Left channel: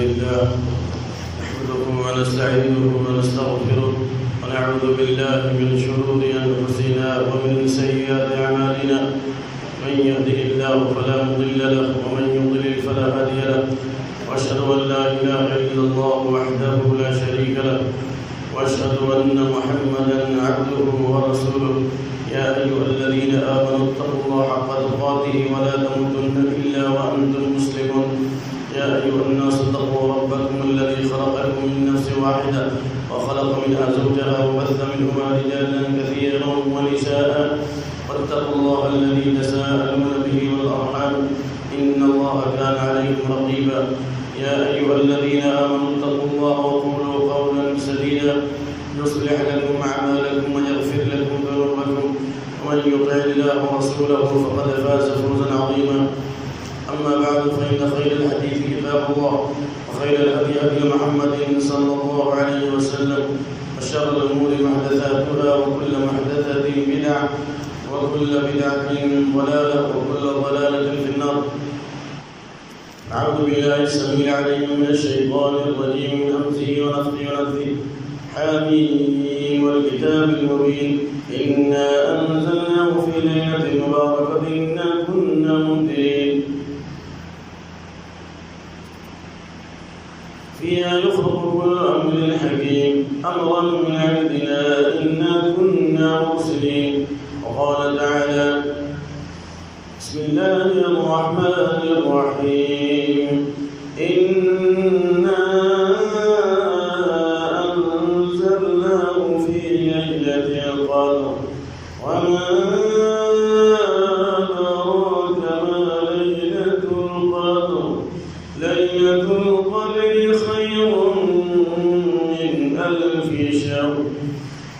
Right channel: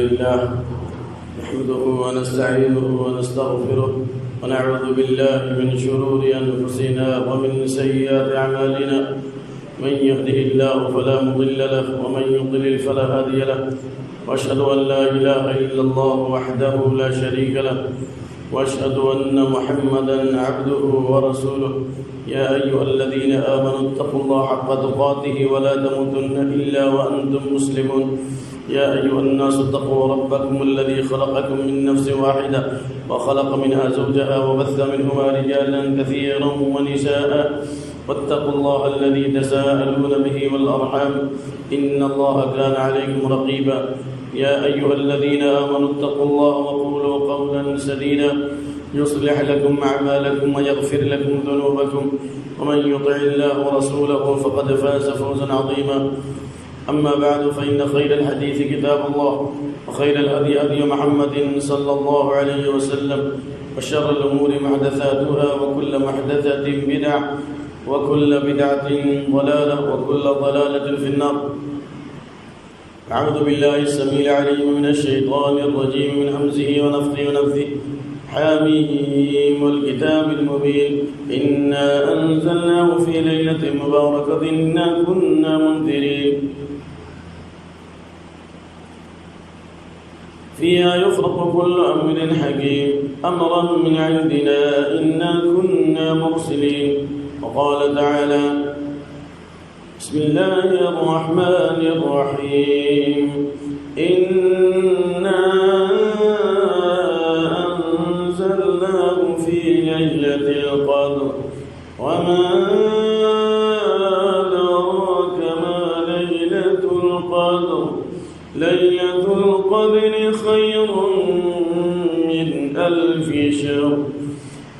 لله نحمده ونستعينه ونستغفره ونعوذ بالله من شرور أنفسنا ومن سيئات أعمالنا من يهده الله فلا مضل له ومن يضلل فلا هادي له وأشهد أن لا إله إلا الله وحده لا شريك له وأشهد أن محمدا عبده ورسوله يا أيها الذين آمنوا اتقوا الله حق تقاته ولا تموتن إلا وأنتم مسلمون يا أيها الناس اتقوا ربكم الذي خلقكم من نفس واحدة وخلق منها زوجها وبث منهما رجالا كثيرا ونساء واتقوا الله الذي تساءلون به والأرحام إن الله كان عليكم رقيبا يا أيها الذين آمنوا اتقوا الله وقولوا قولا سديدا يصلح لكم أعمالكم ويغفر لكم ذنوبكم ومن يطع الله ورسوله فقد فاز فوزا عظيما أما بعد فإن خير الحديث كتاب الله وخير الهدي هدي محمد صلى الله عليه وسلم وشر الأمور محدثاتها وكل محدثة بدعة وكل بدعة ضلالة وكل ضلالة في النار. أعوذ بالله السميع العليم من الشيطان الرجيم من همزه ونفخه ونفثه. حميم والكتاب المبين إنا أنزلناه في ليلة مباركة إنا كنا منذرين فيها يفرق كل أمر حكيم أمرا من عندنا إنا كنا مرسلين. وقال تعالى بسم الله الرحمن الرحيم إنا أنزلناه في ليلة القدر وما أدراك ما ليلة القدر ليلة القدر خير من 1000 شهر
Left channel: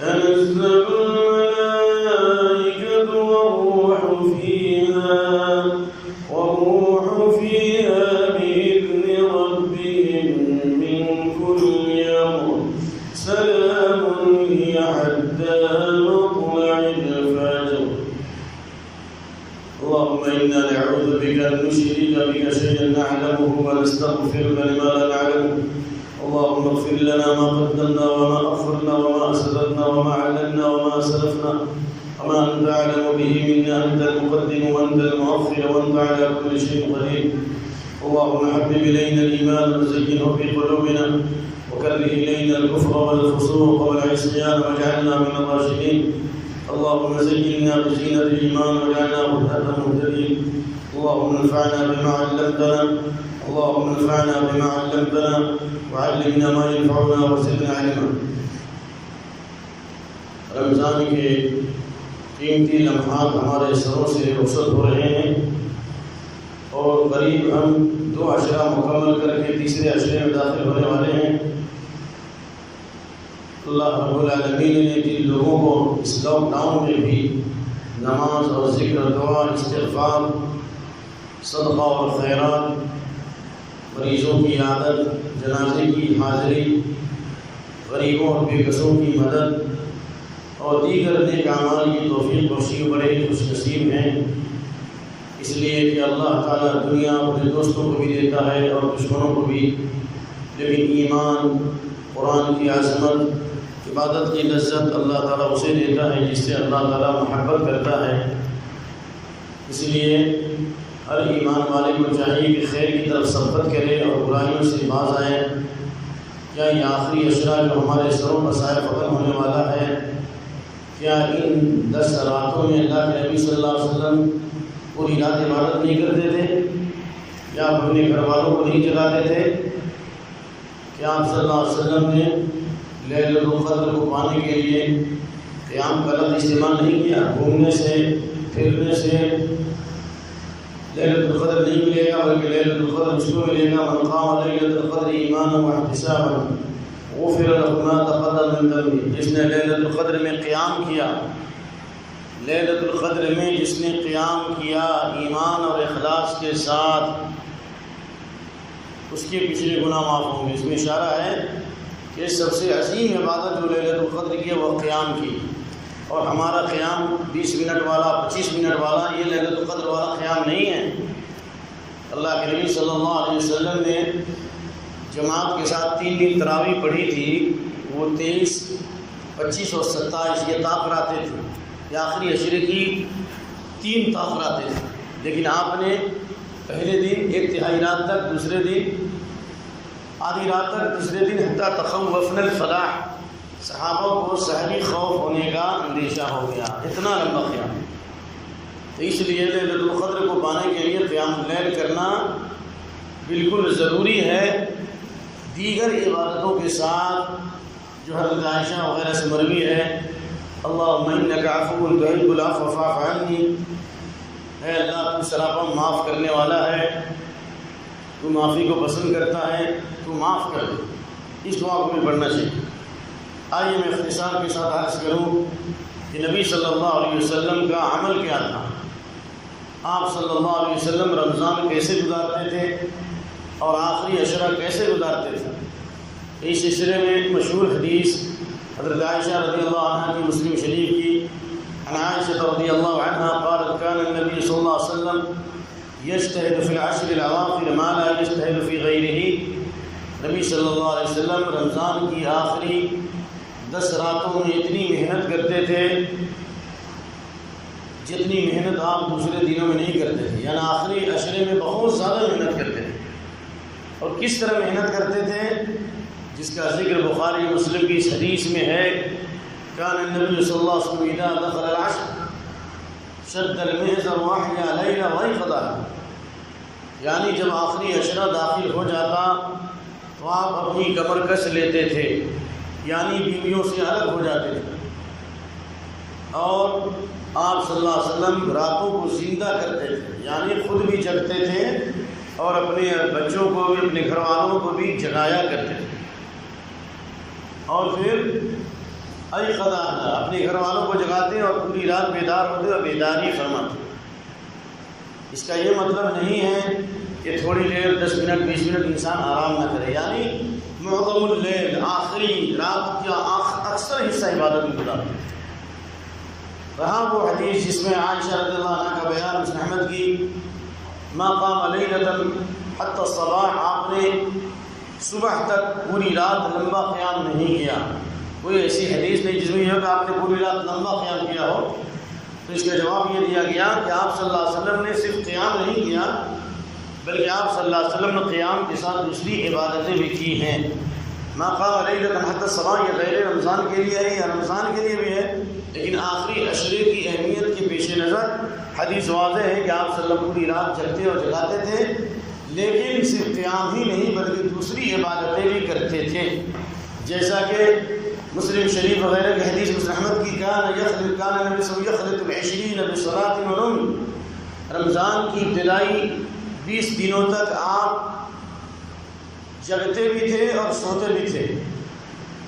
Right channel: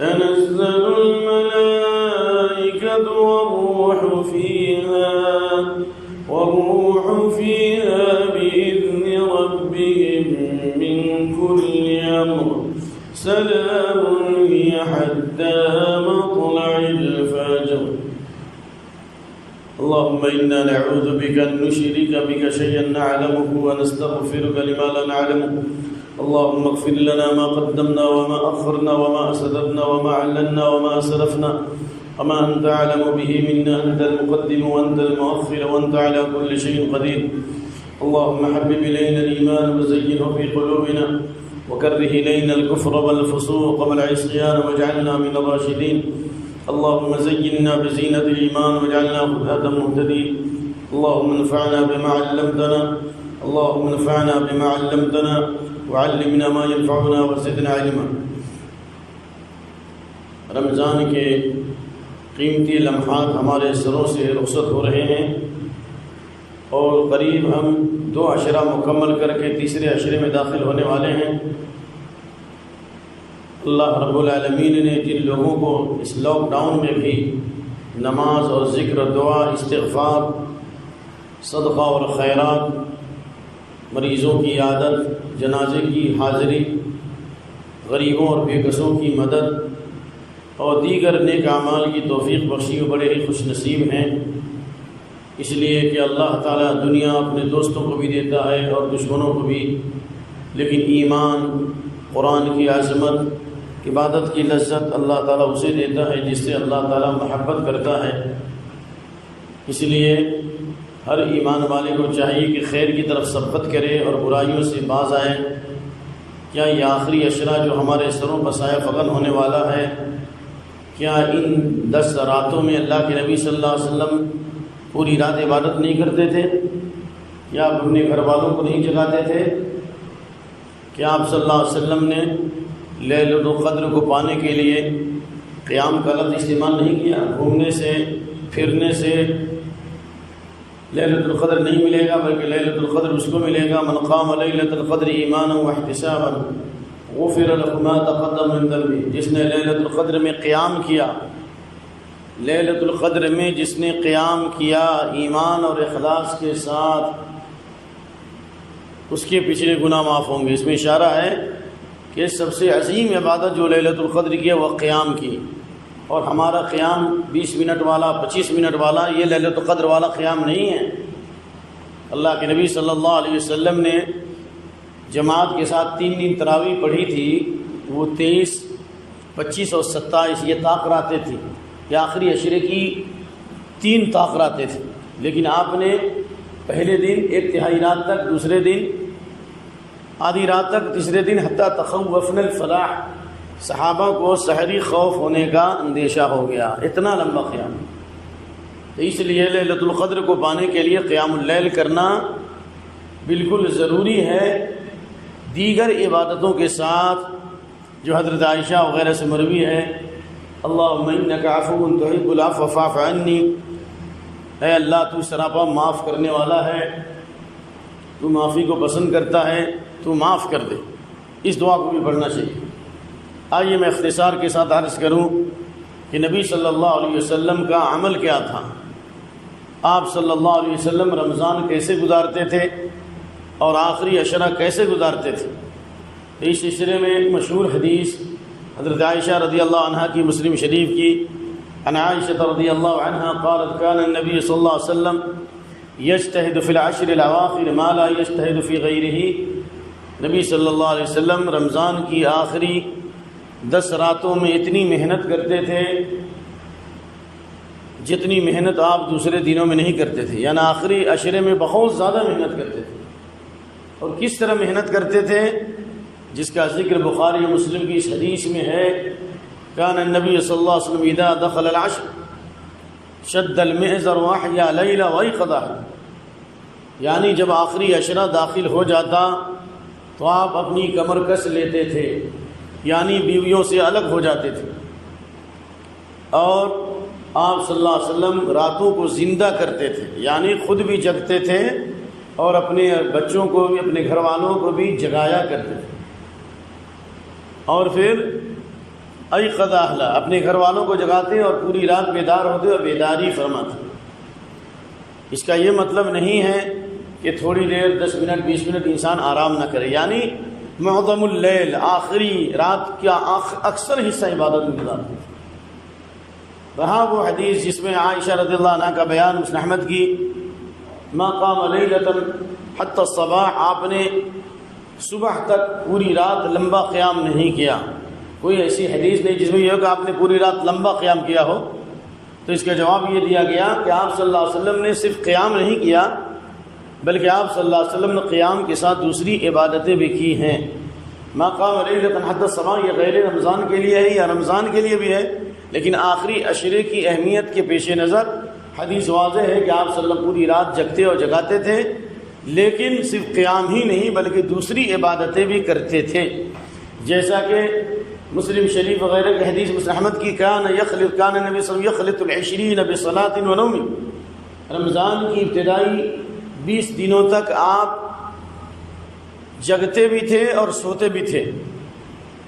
تنزل الملائكة والروح فيها بإذن ربهم من كل أمر سلام هي حتى مطلع الفجر. اللهم إنا نعوذ بك أن نشرك بك شيئا نعلمه ونستغفرك لما لا نعلمه. اللهم اغفر لنا ما قدمنا وما أخرنا وما أسررنا وما أعلنا وما أسرفنا وما أنت أعلم به منا. أنت المقدم وأنت المؤخر وأنت على كل شيء قدير. اللهم حبب إلينا الإيمان وزينه في قلوبنا وكره إلينا الكفر والفسوق والعصيان واجعلنا من الراشدين. اللهم زينا بزينة الإيمان واجعلنا هداة مهتدين. اللهم انفعنا بما علمتنا وعلمنا ما ينفعنا وزدنا علما. رمضان کے قیمتی لمحات ہمارے سروں سے رخصت ہو رہے ہیں اور قریب ہم 2 عشرہ مکمل کر کے تیسرے عشرے میں داخل ہونے والے ہیں. اللہ رب العالمین نے جن لوگوں کو اس لاک ڈاؤن میں بھی نماز اور ذکر دعا استغفار صدقہ اور خیرات مریضوں کی عادت جنازے کی حاضری غریبوں اور بے کسوں کی مدد اور دیگر نیک اعمال کی توفیق بخشی بڑے ہی خوش نصیب ہیں. اس لیے کہ اللہ تعالیٰ دنیا اپنے دوستوں کو بھی دیتا ہے اور دشمنوں کو بھی، لیکن ایمان قرآن کی عظمت عبادت کی لذت اللہ تعالیٰ اسے دیتا ہے جس سے اللہ تعالیٰ محبت کرتا ہے. اس لیے ہر ایمان والے کو چاہیے کہ خیر کی طرف سبقت کرے اور برائیوں سے باز آئے. کیا یہ آخری عشرہ جو ہمارے سروں پر سایہ فقط ہونے والا ہے، کیا ان 10 راتوں میں اللہ کے نبی صلی اللہ علیہ وسلم پوری رات عبادت نہیں کرتے تھے؟ کیا آپ اپنے گھر والوں کو نہیں جگاتے تھے؟ کیا آپ صلی اللہ علیہ وسلم نے لیلۃ القدر کو پانے کے لیے قیام کا لفظ استعمال نہیں کیا؟ گھومنے سے پھرنے سے لیلۃ القدر نہیں ملے گا، بلکہ لیلۃ القدر اس کو ملے گا من قام لیلۃ القدر ایمانا واحتسابا غفر له ما تقدم من ذنبه. جس نے لیلۃ القدر میں قیام کیا، لیلۃ القدر میں جس نے قیام کیا ایمان اور اخلاص کے ساتھ، اس کے پچھلے گناہ معاف ہوں گے. اس میں اشارہ ہے کہ سب سے عظیم عبادت جو لیلۃ القدر کی ہے وہ قیام کی، اور ہمارا قیام 20 منٹ والا 25 منٹ والا یہ لیلۃ القدر والا قیام نہیں ہے. اللہ کے نبی صلی اللہ علیہ وسلم نے جماعت کے ساتھ 3 دن تراویح پڑھی تھی، وہ 23، 25 اور 27 یہ طاق راتیں تھیں کہ آخری عشرے کی 3 طاق راتیں تھیں، لیکن آپ نے پہلے دن 1/3 رات تک، دوسرے دن آدھی رات تک، تیسرے دن حتیٰ تخوفنا الفلاح، صحابہ کو سحری خوف ہونے کا اندیشہ ہو گیا، اتنا لمبا قیام۔ تو اس لیے لیلۃ القدر کو پانے کے لیے قیام اللیل کرنا بالکل ضروری ہے، دیگر عبادتوں کے ساتھ جو حضرت عائشہ وغیرہ سے مروی ہے، اللہم انک عفو تحب العفو فاعف عنی، اے اللہ تو سراپا معاف کرنے والا ہے، تو معافی کو پسند کرتا ہے، تو معاف کر دے۔ اس دعا کو بھی پڑھنا چاہیے۔ آئیے میں اختصار کے ساتھ عرض کروں کہ نبی صلی اللہ علیہ وسلم کا عمل کیا تھا، آپ صلی اللہ علیہ وسلم رمضان کیسے گزارتے تھے اور آخری عشرہ کیسے گزارتے تھے۔ اس سلسلے میں ایک مشہور حدیث حضرت عائشہ رضی اللہ عنہ کی مسلم شریف کی، عن عائشہ رضی اللہ عنہ قالت كان النبي صلی اللہ علیہ وسلم يجتهد في العشر الاواخر ما لا يجتهد في غيره، نبی صلی اللہ علیہ وسلم رمضان کی آخری 10 راتوں میں اتنی محنت کرتے تھے جتنی محنت آپ دوسرے دنوں میں نہیں کرتے تھے، یعنی آخری عشرے میں بہت زیادہ محنت کرتے تھے۔ اور کس طرح محنت کرتے تھے، جس کا ذکر بخاری مسلم کی اس حدیث میں ہے، کان النبی صلی اللہ علیہ وسلم اذا دخل العشر شد المئزر واحیا لیلا وایقظا، یعنی جب آخری عشرہ داخل ہو جاتا تو آپ اپنی کمر کس لیتے تھے، یعنی بیویوں سے الگ ہو جاتے تھے، اور آپ صلی اللہ علیہ وسلم راتوں کو زندہ کرتے تھے، یعنی خود بھی جگتے تھے اور اپنے بچوں کو بھی، اپنے گھر والوں کو بھی جگایا کرتے تھے، اور پھر ایقظ اہلہ، اپنے گھر والوں کو جگاتے اور پوری رات بیدار ہوتے اور بیداری فرماتے۔ اس کا یہ مطلب نہیں ہے کہ تھوڑی دیر 10 منٹ 20 منٹ انسان آرام نہ کرے، یعنی معظم اللیل، آخری رات کا اکثر حصہ عبادت میں گزارتے تھے۔ رہا وہ حدیث جس میں عائشہ رضی اللہ عنہ کا بیان مسند احمد کی، ما قام لیلۃ حتی الصباح، آپ نے صبح تک پوری رات لمبا قیام نہیں کیا۔ کوئی ایسی حدیث نہیں جس میں یہ ہو کہ آپ نے پوری رات لمبا قیام کیا ہو، تو اس کا جواب یہ دیا گیا کہ آپ صلی اللہ علیہ وسلم نے صرف قیام نہیں کیا، بلکہ آپ صلی اللہ علیہ وسلم نے قیام کے ساتھ دوسری عبادتیں بھی کی ہیں۔ ما قام لیلۃ حتی الصباح، یہ غیر رمضان کے لیے ہے یا رمضان کے لیے بھی ہے، لیکن آخری عشرے کی اہمیت کے پیش نظر حدیث واضح ہے کہ آپ صلی اللہ علیہ وسلم پوری رات جگتے اور جگاتے تھے، لیکن صرف قیام ہی نہیں بلکہ دوسری عبادتیں بھی کرتے تھے، جیسا کہ مسلم شریف وغیرہ کی حدیث مسند احمد کی، کان نبی صلی اللہ علیہ وسلم یخلط العشرین بصلاۃ و نوم، رمضان کی ابتدائی 20 دنوں تک آپ جگتے بھی تھے اور سوتے بھی تھے،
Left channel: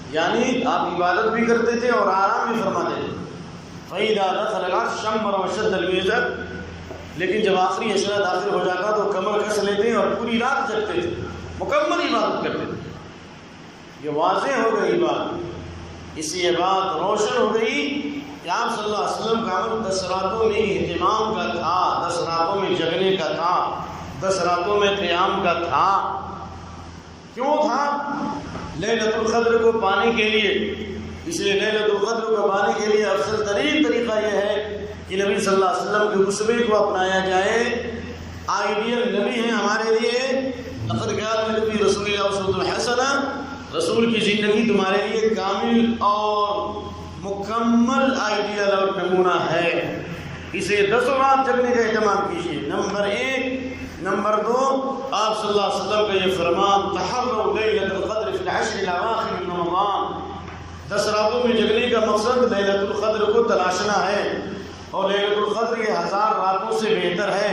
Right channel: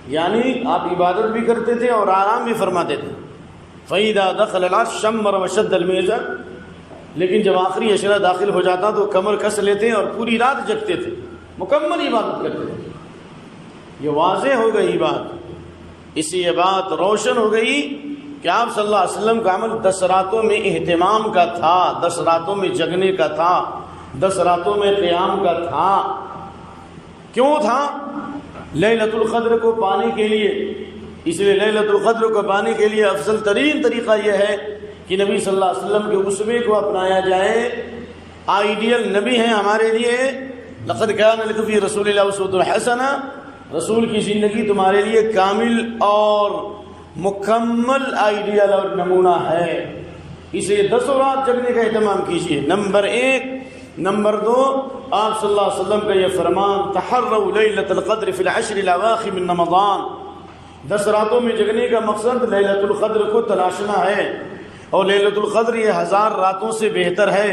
یعنی آپ عبادت بھی کرتے تھے اور آرام بھی فرماتے تھے۔ فَإِذَا دَخَلَ الْعَشْرُ شَمَّرَ وَشَدَّ الْمِئْزَرَ، لیکن جب آخری عشرہ داخل ہو جاتا تو کمر کس لیتے اور پوری رات جگتے تھے، مکمل عبادت کرتے تھے۔ یہ واضح ہو گئی بات، اس سے یہ بات روشن ہو گئی کہ آپ صلی اللہ علیہ وسلم کا عمل 10 راتوں میں اہتمام کا تھا، 10 راتوں میں جگنے کا تھا، 10 راتوں میں قیام کا تھا۔ کیوں تھا؟ لیلۃ القدر کو پانے کے لیے۔ اس لیے لیلۃ القدر کو پانے کے لیے افضل ترین طریقہ یہ ہے کہ نبی صلی اللہ علیہ وسلم کے اسوے کو اپنایا جائے۔ آئیڈیل نبی ہیں ہمارے لیے، لقد کان لکم فی رسول اللہ اسوۃ حسنہ، رسول کی زندگی تمہارے لیے کامل اور مکمل آئیڈیل اور نمونہ ہے، اس لیے 10 رات جگنے کا اہتمام کیجیے، نمبر 1۔ نمبر 2، آپ صلی اللہ علیہ وسلم کا یہ فرمان، تحروا لیلۃ القدر فی العشر الاواخر من رمضان، 10 راتوں میں جگنے کا مقصد لیلۃ القدر کو تلاشنا ہے، اور لیلۃ القدر یہ 1000 راتوں سے بہتر ہے،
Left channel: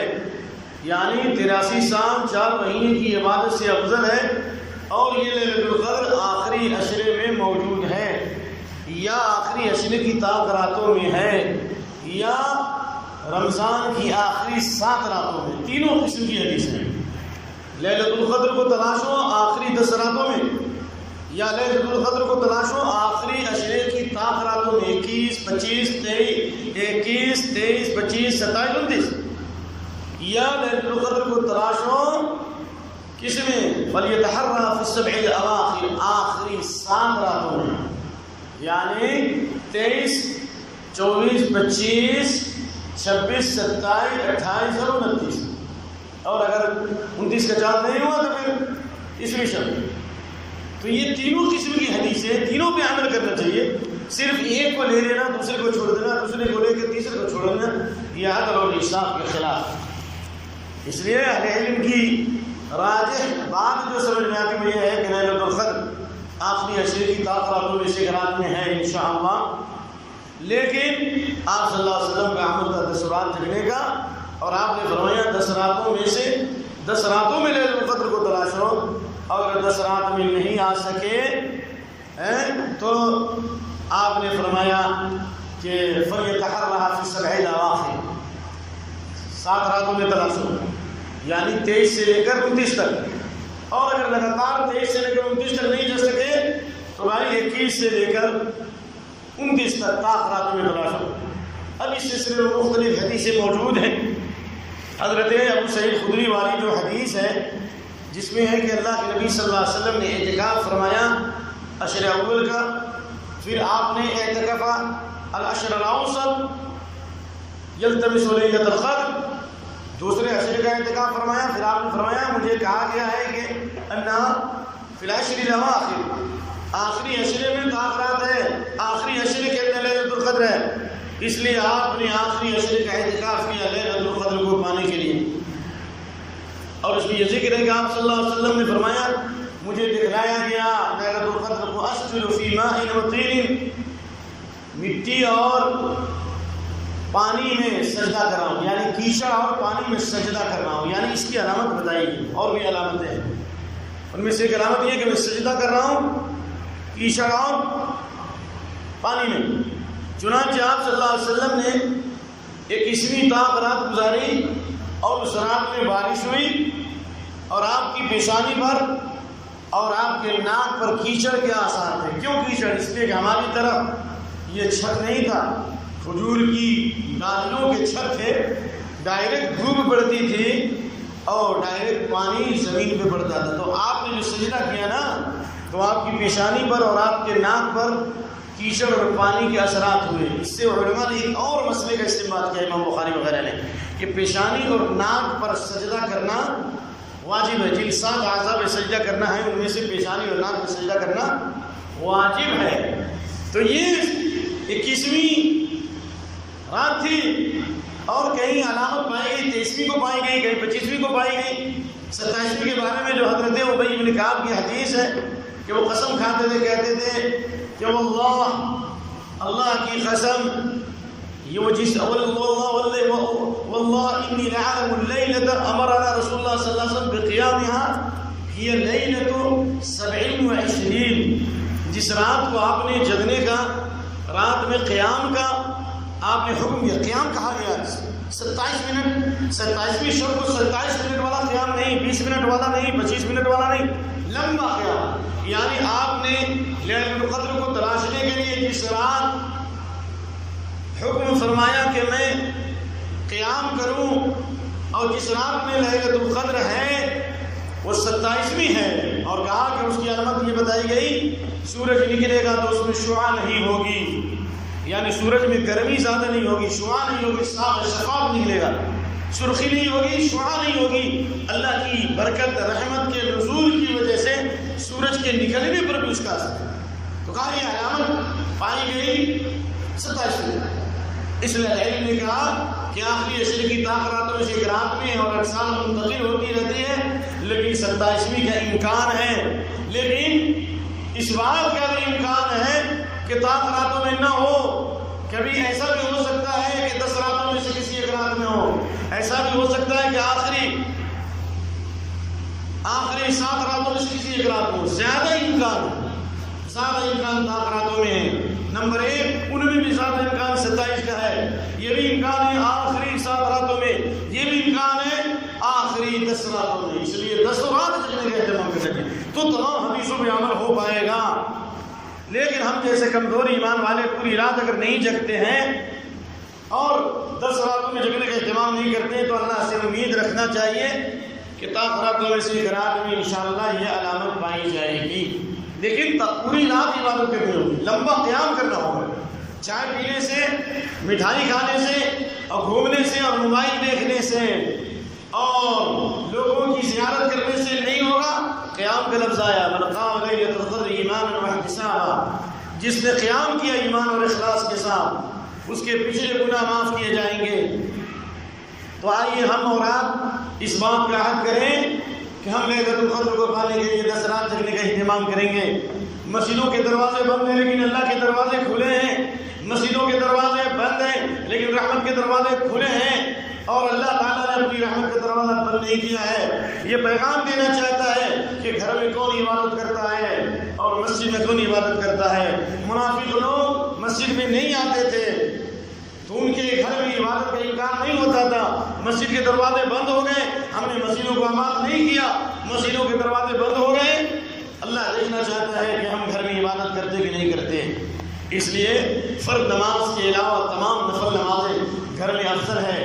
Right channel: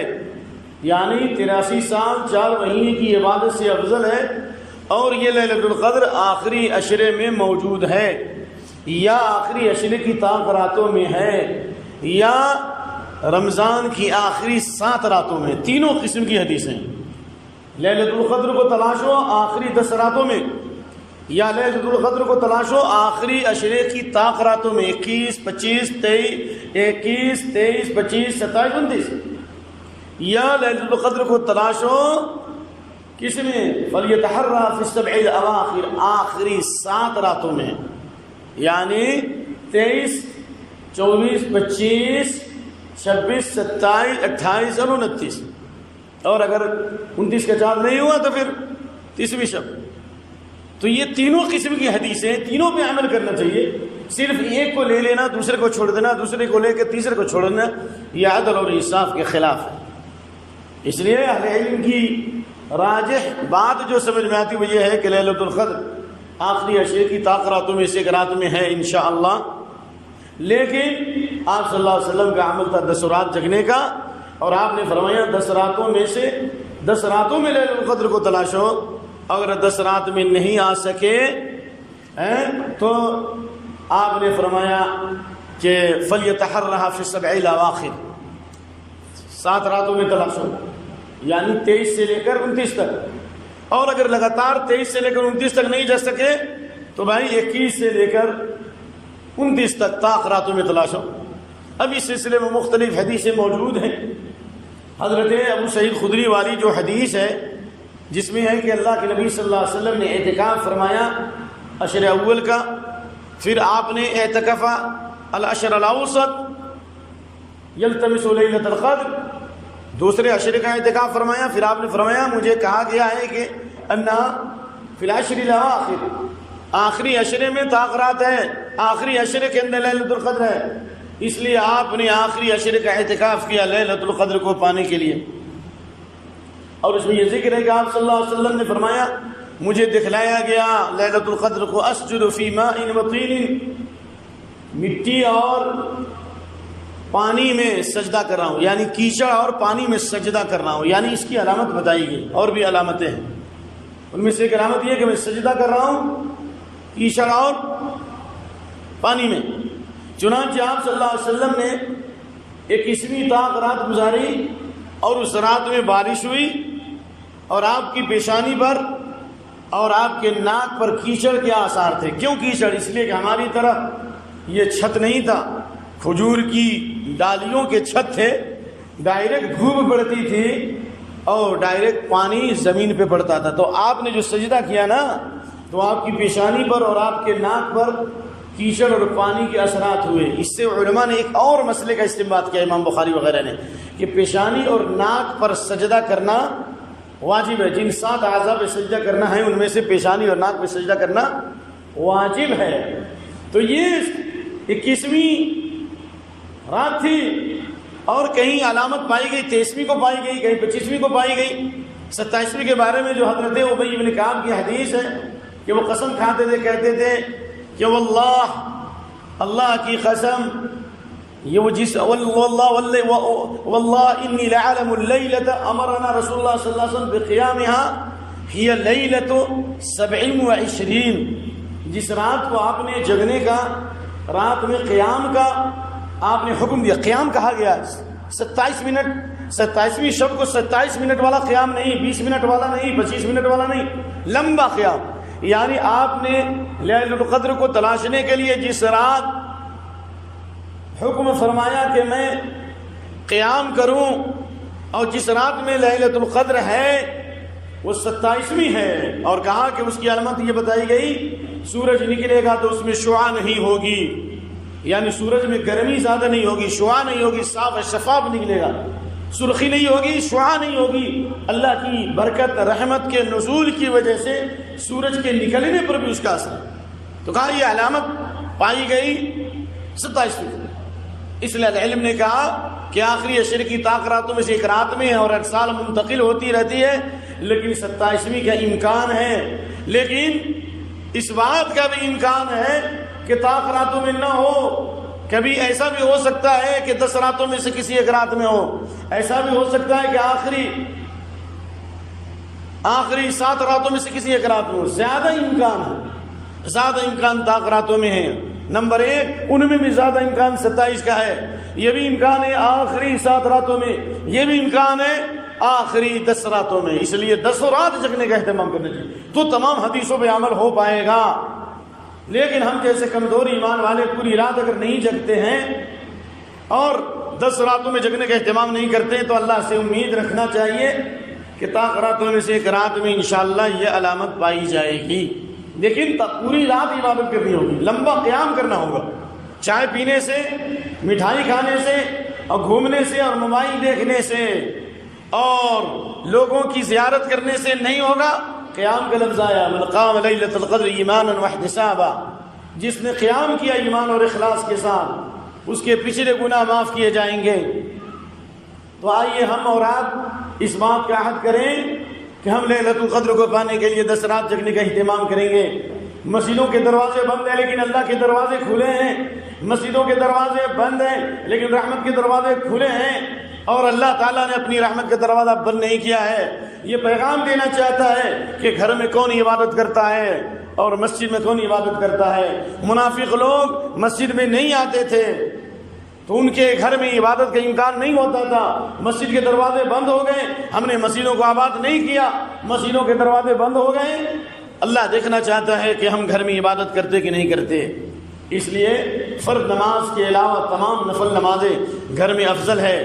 یعنی 83 سال 4 مہینے کی عبادت سے افضل ہے، اور یہ لیلۃ القدر آخری عشرے میں موجود ہے، یا آخری عشرے کی طاق راتوں میں ہے، یا رمضان کی آخری 7 راتوں میں۔ تینوں قسم کی حدیثیں ہیں۔ لیلۃ القدر کو تلاشو آخری 10 راتوں میں، یا لیلۃ القدر کو تلاشو آخری عشرے کی طاق راتوں میں، 21، 25، 23، 27، 28، 29۔ یا لیلۃ القدر کو تلاشو کس میں؟ فَلْيَتَحَرَّى فِي السَّبْعِ الْأَوَاخِرِ، آخری 7 راتوں میں، یعنی 23، 24، 25، 26، 27، 28 اور 29، اور اگر 29 کا چاند نہیں ہوا تو پھر 30ویں شب۔ تو یہ تینوں قسم کی حدیثیں، تینوں پہ عمل کرنا چاہیے۔ صرف ایک کو لے لینا، دوسرے کو چھوڑ دینا، دوسرے کو لے کے تیسرے کو چھوڑ دینا، یہ عدل اور انصاف کے خلاف۔ اس لیے اہل علم کی راجح بات جو سمجھ میں آتی وہ یہ ہے کہ لیلۃ القدر آخری عشرے کی طاق راتوں میں سے ایک رات میں ہے انشاءاللہ، لیکن آپ صلی اللہ علیہ وسلم کا عمل تھا 10 رات جگنے کا، اور آپ نے فرمایا 10 راتوں میں سے 10 راتوں میں لیلۃ القدر کو تلاشو، اگر 10 رات میں نہیں آ سکے تو آپ نے فرمایا کہ فَلْيَتَحَرَّى فِي السَّبْعِ الْأَوَاخِرِ، 7 راتوں میں تلاشو، یعنی 23 سے لے کر 29 تک، اور اگر لگاتار 23 سے لے کر 29 تک نہیں جا سکے تو بھائی 21 سے لے کر 29 تک طاق راتوں میں تلاشو۔ اب اس سلسلے میں مختلف حدیثیں موجود ہیں۔ حضرت ابو سعید خدری والی جو حدیث ہے جس میں ہے کہ اللہ کے نبی صلی اللہ علیہ وسلم نے اعتکاف فرمایا عشر اول کا، پھر آپ نے اعتکف العشر الاوسط یلتمس لیلۃ القدر، دوسرے عشرے کا اعتکاف فرمایا، پھر آپ نے فرمایا مجھے کہا گیا ہے کہ انہا فی العشر الاواخر، آخری عشرے میں طاق رات ہے، آخری عشرے کے اندر لیلۃ القدر ہے، اس لیے آپ نے آخری عشرے کا اعتکاف کیا لیلۃ القدر کو پانے کے لیے۔ اور اس میں یہ ذکر ہے کہ آپ صلی اللہ علیہ وسلم نے فرمایا مجھے دکھلایا گیا لیلۃ القدر کو اسجد فی ماء وطین، مٹی اور پانی میں سجدہ کر رہا ہوں، یعنی کیچڑ اور پانی میں سجدہ کر رہا ہوں، یعنی اس کی علامت بتائی گئی، اور بھی علامتیں ہیں، ان میں سے ایک علامت یہ کہ میں سجدہ کر رہا ہوں کیچڑ اور پانی میں۔ چنانچہ آپ صلی اللہ علیہ وسلم نے 21ویں طاق رات گزاری، اور اس رات میں بارش ہوئی، اور آپ کی پیشانی پر اور آپ کے ناک پر کیچڑ کے آثار تھے۔ کیوں کیچڑ؟ اس لیے کہ ہماری طرف یہ چھت نہیں تھا، کھجور کی ڈالیوں کے چھت تھے، ڈائریکٹ دھوپ پڑتی تھی اور ڈائریکٹ پانی زمین پہ پڑتا تھا، تو آپ نے جو سجدہ کیا نا تو آپ کی پیشانی پر اور آپ کے ناک پر کیچڑ اور پانی کے اثرات ہوئے۔ اس سے علماء نے ایک اور مسئلے کا استنباط کیا، امام بخاری وغیرہ نے، کہ پیشانی اور ناک پر سجدہ کرنا واجب ہے، جن 7 اعضاء پہ سجدہ کرنا ہے ان میں سے پیشانی اور ناک پہ سجدہ کرنا واجب ہے۔ تو یہ 21ویں رات تھی، اور کہیں علامت پائی گئی 23ویں کو پائی گئی، کہیں 25ویں کو پائی گئی۔ 27ویں کے بارے میں جو حضرت ابی بن کعب کی حدیث ہے کہ وہ قسم کھاتے تھے، کہتے تھے کہ واللہ، اللہ کی قسم، یہ وہ جس واللہ انی لعلم اللیلۃ امرنا رسول اللہ صلی اللہ علیہ وسلم بقیامها ہی لیلۃ 27، جس رات کو آپ نے جگنے کا، رات میں قیام کا آپ نے حکم دیا۔ قیام کہا گیا 27 منٹ، 27ویں شب کو 27 منٹ والا قیام نہیں، 20 منٹ والا نہیں، 25 منٹ والا نہیں، لمبا قیام، یعنی آپ نے لیلۃ القدر کو تلاشنے کے لیے جس رات حکم فرمایا کہ میں قیام کروں، اور جس رات میں لیلۃ القدر ہے وہ 27ویں ہے، اور کہا کہ اس کی علامت یہ بتائی گئی سورج نکلے گا تو اس میں شعاع نہیں ہوگی، یعنی سورج میں گرمی زیادہ نہیں ہوگی، شعاع نہیں ہوگی، صاف شفاف نکلے گا، سرخی نہیں ہوگی، شعاع نہیں ہوگی، اللہ کی برکت رحمت کے نزول کی وجہ سے سورج کے نکلنے پر بھی اس کا اثر ہے۔ تو کہا یہ علامت پائی گئی 27ویں۔ اس لیے علم نے کہا کہ آخری عشر کی طاق راتوں میں سے ایک رات میں ہے، اور ہر سال منتقل ہوتی رہتی ہے، لیکن 27ویں کا امکان ہے، لیکن اس بات کا بھی امکان ہے کہ طاق راتوں میں نہ ہو، کبھی ایسا بھی ہو سکتا ہے کہ 10 راتوں میں سے کسی ایک رات میں ہو، ایسا بھی ہو سکتا ہے کہ آخری 7 راتوں میں سے کسی ایک رات میں ہو۔ زیادہ امکان طاق راتوں میں ہے۔ نمبر 1 ان میں بھی زیادہ امکان 27 کا ہے، یہ بھی امکان ہے آخری 7 راتوں میں، یہ بھی امکان ہے آخری 10 راتوں میں، اس لیے 10 رات جگنے کا اہتمام کرنا چاہیے، تو تمام حدیثوں پہ عمل ہو پائے گا۔ لیکن ہم جیسے کمزور ایمان والے پوری رات اگر نہیں جگتے ہیں اور 10 راتوں میں جگنے کا اہتمام نہیں کرتے، تو اللہ سے امید رکھنا چاہیے کہ راتوں میں سے ایک رات میں انشاءاللہ یہ علامت پائی جائے گی، لیکن پوری رات عبادت کرنی ہوگی، لمبا قیام کرنا ہوگا۔ چائے پینے سے، مٹھائی کھانے سے اور گھومنے سے اور موبائل دیکھنے سے اور لوگوں کی زیارت کرنے سے نہیں ہوگا۔ قیام کا لفظ آیا، من قام لیلۃ القدر ایمانا واحتسابا، جس نے قیام کیا ایمان اور اخلاص کے ساتھ، اس کے پچھلے گناہ معاف کیے جائیں گے۔ تو آئیے ہم اور آپ اس بات کا عہد کریں کہ ہم لیلۃ القدر کو پانے کے لیے 10 رات جگنے کا اہتمام کریں گے۔ مسجدوں کے دروازے بند ہیں لیکن اللہ کے دروازے کھلے ہیں، مسجدوں کے دروازے بند ہیں لیکن رحمت کے دروازے کھلے ہیں، اور اللہ تعالیٰ نے اپنی رحمت کا دروازہ بند نہیں کیا ہے۔ یہ پیغام دینا چاہتا ہے کہ گھر میں کون عبادت کرتا ہے اور مسجد میں کون عبادت کرتا ہے۔ منافق لوگ مسجد میں نہیں آتے تھے تو ان کے گھر میں عبادت کا امکان نہیں ہوتا تھا، مسجد کے دروازے بند ہو گئے، ہم نے مسجدوں کو آباد نہیں کیا، مسجدوں کے دروازے بند ہو گئے۔ اللہ دیکھنا چاہتا ہے کہ ہم گھر میں عبادت کرتے کہ نہیں کرتے، اس لیے فرض نماز کے علاوہ تمام نفل نمازیں گھر میں افضل ہے،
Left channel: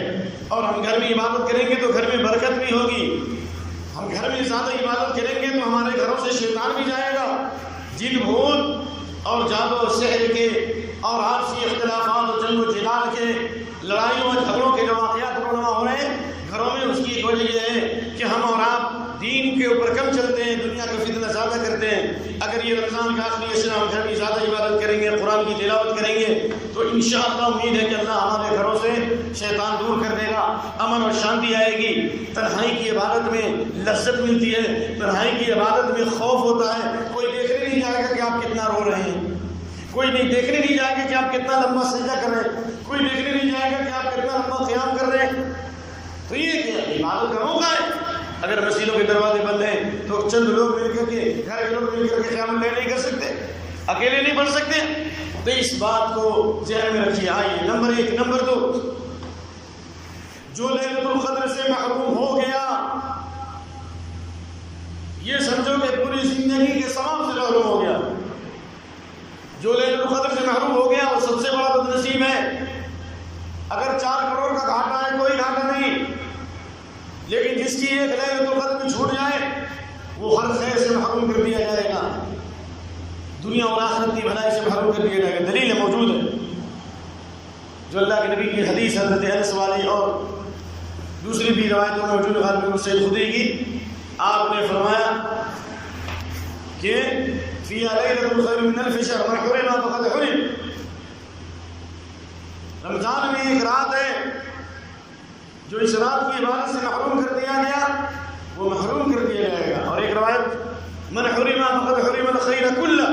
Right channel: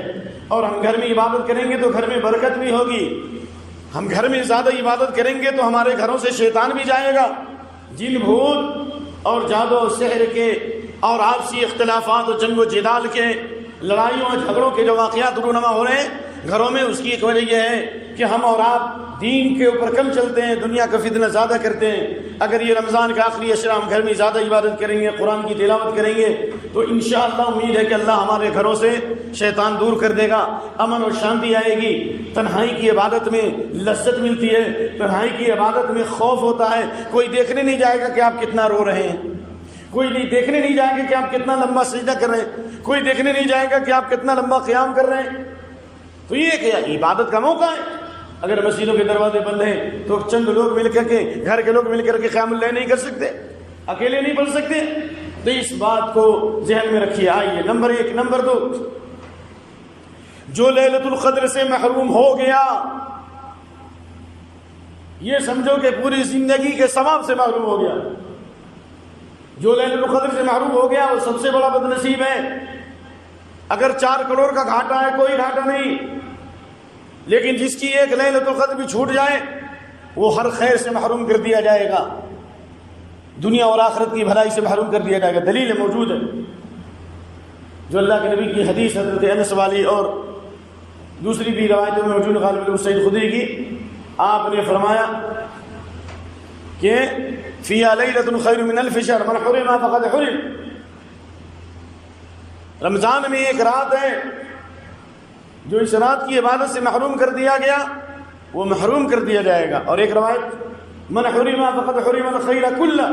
اور ہم گھر میں عبادت کریں گے تو گھر میں برکت بھی ہوگی۔ ہم گھر میں زیادہ عبادت کریں گے تو ہمارے گھروں سے شیطان بھی جائے گا، جن بھوت اور جادو و سحر کے اور آپسی اختلافات اور جنگ و جدال کے، لڑائیوں اور جھگڑوں کے جو واقعات رونما ہو رہے ہیں گھروں میں، اس کی ایک وجہ یہ ہے کہ ہم اور آپ دین کے اوپر کم چلتے ہیں، دنیا کا فتنہ زیادہ کرتے ہیں۔ اگر یہ رمضان کا آخری اشرا ہم گھر میں زیادہ عبادت کریں گے، قرآن کی تلاوت کریں گے، تو انشاءاللہ امید ہے کہ اللہ ہمارے گھروں سے شیطان دور کر دے گا، امن اور شانتی آئے گی۔ تنہائی کی عبادت میں لذت ملتی ہے، تنہائی کی عبادت میں خوف ہوتا ہے، کوئی دیکھنے نہیں جائے گا کہ آپ کتنا رو رہے ہیں، کوئی نہیں دیکھنے نہیں جائے گا کہ آپ کتنا لمبا سجدہ کر رہے ہیں، کوئی دیکھنے نہیں جائے گا کہ آپ کتنا لمبا قیام کر رہے ہیں۔ تو یہ کیا عبادت کا موقع ہے۔ اگر مسجدوں کے دروازے بند ہیں تو چند لوگ مل کر کے، گھر کے لوگ مل کر کے قیام اللیل نہیں کر سکتے، اکیلے نہیں پڑھ سکتے، تو اس بات کو ذہن میں رکھیے۔ آئیے نمبر 1۔ نمبر 2، جو لیلۃ القدر سے محروم ہو گیا یہ سمجھو کہ پوری زندگی کے ثواب سے محروم ہو گیا۔ جو لیلۃ القدر سے محروم ہو گیا وہ سب سے بڑا بد نصیب ہے۔ اگر 4 کروڑ کا گھاٹا ہے کوئی گھاٹا نہیں، لیکن جس کی ایک لیلۃ القدر بھی چھوٹ جائے وہ ہر خیر سے محروم کر دیا جائے گا، دنیا اور آخرت کی بھلائی سے محروم کر دیا جائے گا۔ دلیل موجود ہے، جو اللہ کے نبی کی حدیث حضرت انس والی اور دوسری بھی روایتوں میں موجود غالب بن سعید خدری کی، آپ نے فرمایا کہ فیہا لیلۃ خیر من الف شہر من حرمھا فقد حرم۔ رمضان میں ایک رات ہے جو اس رات کی عبادت سے محروم کر دیا گیا وہ محروم کر دیا جائے گا۔ اور ایک روایت من حرمھا فقد حرم الخیر کلہ،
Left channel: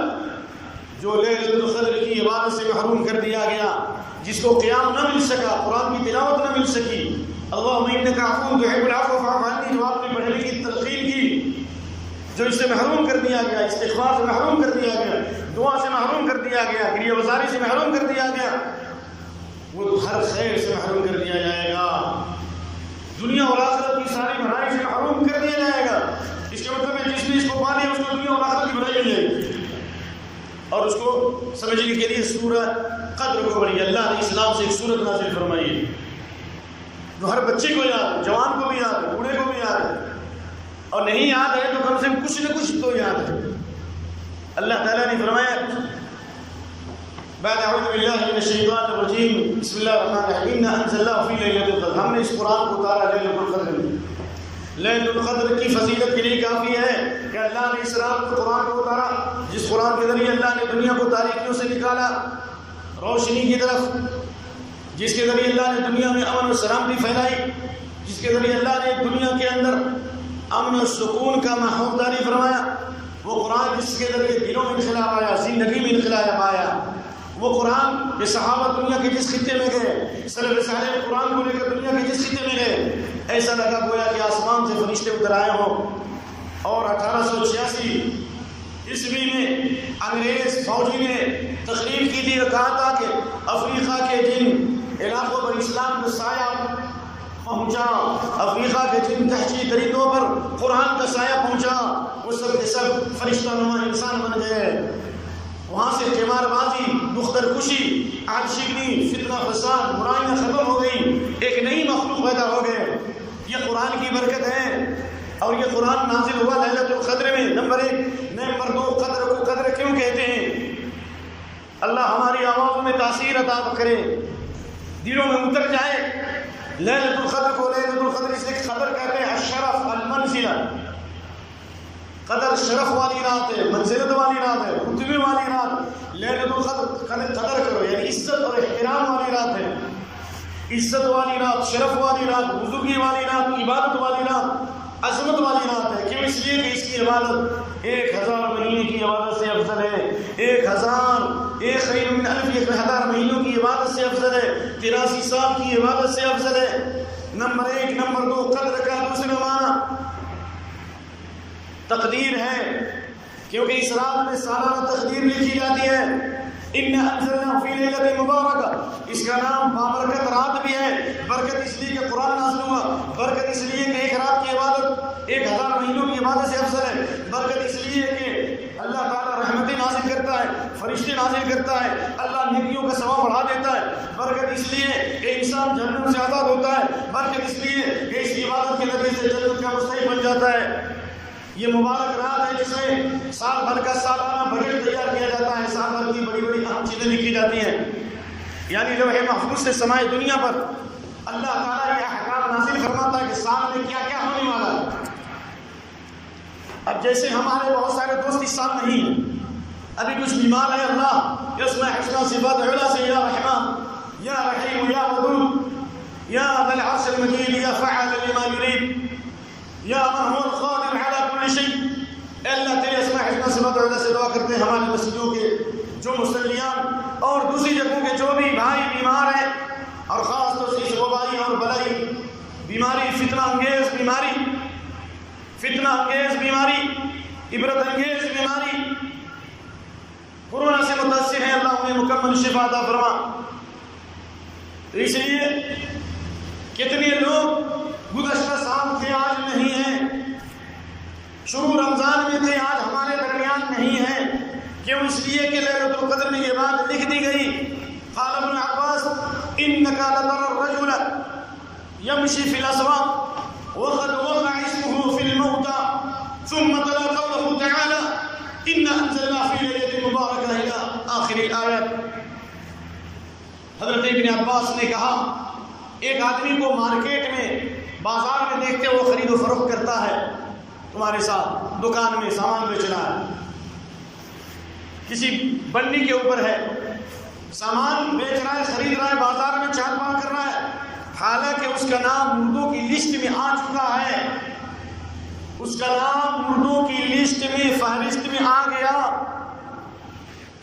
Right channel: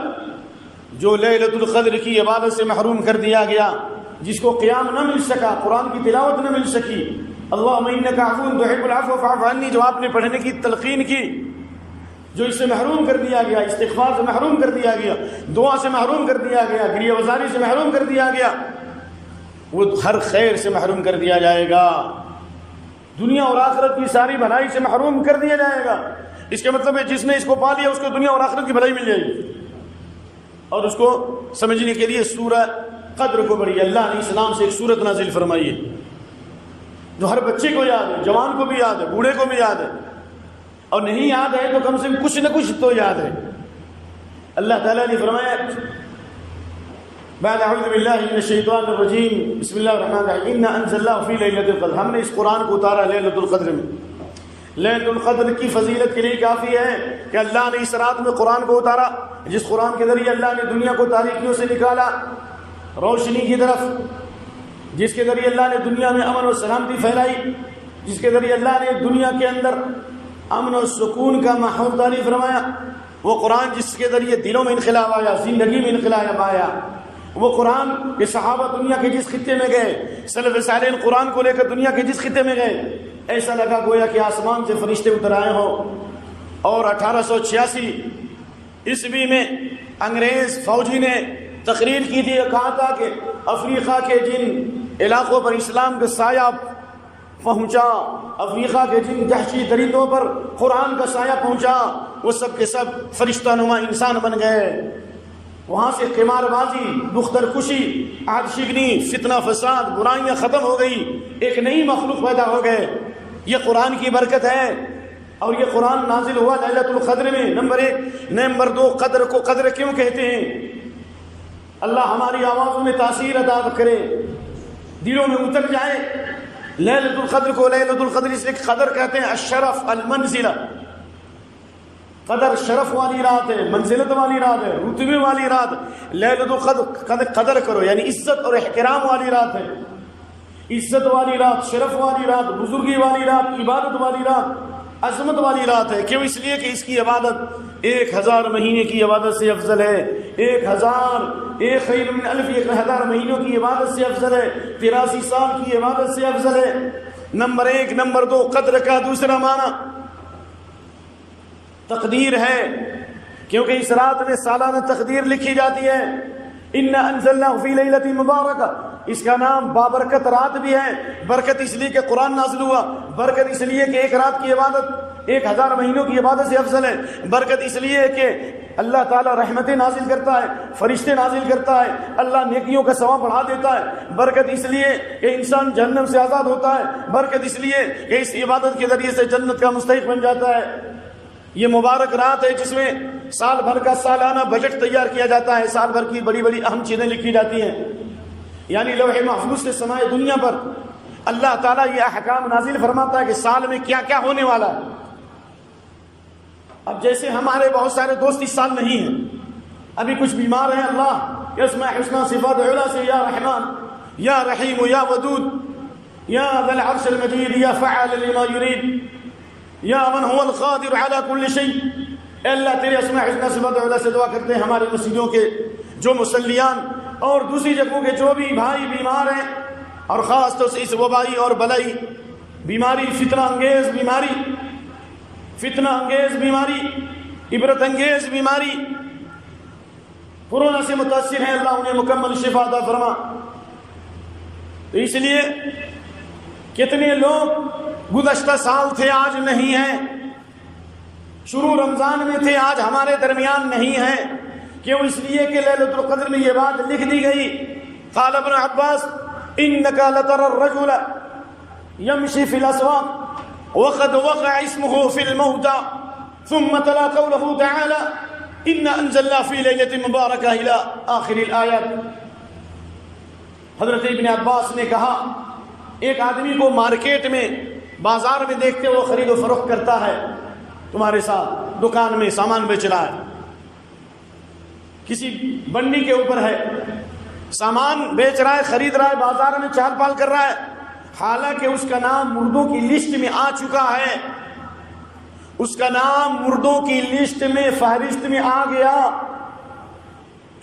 جو لیلۃ القدر کی عبادت سے محروم کر دیا گیا، جس کو قیام نہ مل سکا، قرآن کی تلاوت نہ مل سکی، اللہم انک عفو تحب العفو فاعف عنی جو آپ نے پڑھنے کی تلقین کی، جو اس سے محروم کر دیا گیا، استغفار سے محروم کر دیا گیا، دعا سے محروم کر دیا گیا، گریہ وزاری سے محروم کر دیا گیا، وہ ہر خیر سے محروم کر دیا جائے گا، دنیا اور آخرت کی ساری بھلائی سے محروم کر دیا جائے گا۔ اس کا مطلب ہے جس نے اس کو پا لیا اس کو دنیا اور آخرت کی بھلائی مل جائے گی۔ اور اس کو سمجھنے کے لیے سورہ قدر کو پڑھیے۔ اللہ نے اسلام سے ایک سورت نازل فرمائی ہے جو ہر بچے کو یاد ہے، جوان کو بھی یاد ہے، بوڑھے کو بھی یاد ہے، اور نہیں یاد ہے تو کم سے کم کچھ نہ کچھ تو یاد ہے۔ اللہ تعالیٰ نے فرمایا بعد اعوذ باللہ من الشیطان الرجیم بسم اللہ الرحمن الرحیم انا انزلناه فی لیلۃ القدر، ہم نے اس قرآن کو اتارا لیلۃ القدر میں۔ لیلۃ القدر کی فضیلت کے لیے کافی ہے کہ اللہ نے اس رات میں قرآن کو اتارا، جس قرآن کے ذریعے اللہ نے دنیا کو تاریکیوں سے نکالا روشنی کی طرف، جس کے ذریعے اللہ نے دنیا میں امن و سلامتی پھیلائی، جس کے ذریعے اللہ نے دنیا کے اندر امن و سکون کا ماحول جاری فرمایا۔ وہ قرآن جس کے ذریعے دلوں میں انقلاب آیا، زندگی میں انقلاب آیا، وہ قرآن کہ صحابہ دنیا کے جس خطے میں گئے، سلف صالح قرآن کو لے کر دنیا کے جس خطے میں گئے، ایسا لگا گویا کہ آسمان سے فرشتے اتر آئے ہوں۔ اور 1886 عیسوی میں انگریز فوجی نے تقریر کی تھی اور کہا تھا کہ افریقہ کے جن علاقوں پر اسلام کا سایہ پہنچا، افریقہ کے جن دہشتی درندوں پر قرآن کا سایہ پہنچا، وہ سب کے سب فرشتہ نما انسان بن گئے۔ وہاں سے قمار بازی، دختر کشی، آگ شگنی، فتنہ فساد، برائیاں ختم ہو گئی، ایک نئی مخلوق پیدا ہو گئے۔ یہ قرآن کی برکت ہے اور یہ قرآن نازل ہوا لیلۃ القدر میں، نمبر 1۔ نمبر 2، قدر کو قدر کیوں کہتے ہیں؟ اللہ ہماری آوازوں میں تاثیر عطا کرے، دلوں میں اتر جائے۔ لیلۃ القدر کو لیلۃ القدر اس لیے قدر کہتے ہیں، الشرف، المنزلہ۔ قدر شرف والی رات ہے، منزلت والی رات ہے، رتبے والی رات۔ لیلۃ القدر قدر کرو یعنی عزت اور احترام والی رات ہے، عزت والی رات، شرف والی رات، بزرگی والی رات، عبادت والی رات، عظمت والی رات ہے۔ کیوں؟ اس لیے کہ اس کی عبادت 1000 مہینے کی عبادت سے افضل ہے، 1000 خیر من الف، 1000 مہینوں کی عبادت سے افضل ہے، 83 سال کی عبادت سے افضل ہے۔ نمبر 1۔ نمبر 2، قدر کا دوسرا معنی تقدیر ہے، کیونکہ اس رات میں سالانہ تقدیر لکھی جاتی ہے۔ اِنَّا أَنزَلْنَاهُ فِي لَيْلَةٍ مُبَارَكَةٍ، اس کا نام بابرکت رات بھی ہے۔ برکت اس لیے کہ قرآن نازل ہوا، برکت اس لیے کہ ایک رات کی عبادت 1000 مہینوں کی عبادت سے افضل ہے، برکت اس لیے کہ اللہ تعالیٰ رحمتیں نازل کرتا ہے، فرشتے نازل کرتا ہے، اللہ نیکیوں کا ثواب بڑھا دیتا ہے، برکت اس لیے کہ انسان جہنم سے آزاد ہوتا ہے، برکت اس لیے کہ اس عبادت کے ذریعے سے جنت کا مستحق بن جاتا ہے۔ یہ مبارک رات ہے جس میں سال بھر کا سالانہ بجٹ تیار کیا جاتا ہے، سال بھر کی بڑی بڑی اہم چیزیں لکھی جاتی ہیں، یعنی لوح محفوظ سے سمائے دنیا پر اللہ تعالیٰ یہ احکام نازل فرماتا ہے کہ سال میں کیا کیا ہونے والا ہے۔ اب جیسے ہمارے بہت سارے دوست اس سال نہیں ہیں، ابھی کچھ بیمار ہیں، اللہ اسماء حسنى صفات علی سے یا رحمان یا رحیم یا ودود یا ذا العرش المجید یا فعال لما یرید یا من هو القادر على كل شيء۔ اے اللہ تیرے اسماء حسنى صفات علی سے دعا کرتے ہیں ہمارے مسجدوں کے جو مسلیان اور دوسری جگہوں کے جو بھی بھائی بیمار ہیں، اور خاص طور سے اس وبائی اور بلائی بیماری، فتنہ انگیز بیماری، فتنہ انگیز بیماری، عبرت انگیز بیماری کورونا سے متاثر ہیں، اللہ انہیں مکمل شفا عطا فرما۔ اس لیے کتنے لوگ گزشتہ سال تھے آج نہیں ہیں، شروع رمضان میں تھے آج ہمارے درمیان نہیں ہیں، کیوں؟ اس لیے کہ لیلۃ القدر میں یہ بات لکھ دی گئی۔ قال ابن عباس انك لترى الرجل يمشي في الاسواق وقد وقع اسمه في الموتى ثم تلا قوله تعالى ان انزلنا في ليله مباركه الى اخر الايات۔ حضرت ابن عباس نے کہا ایک آدمی کو مارکیٹ میں بازار میں دیکھتے وہ خرید و فروخت کرتا ہے، تمہارے ساتھ دکان میں سامان بیچ رہا ہے، کسی بنی کے اوپر ہے، سامان بیچ رہا ہے، خرید رہا ہے، بازار میں چال پال کر رہا ہے، حالانکہ اس کا نام مردوں کی لسٹ میں آ چکا ہے، اس کا نام مردوں کی لسٹ میں، فہرست میں آ گیا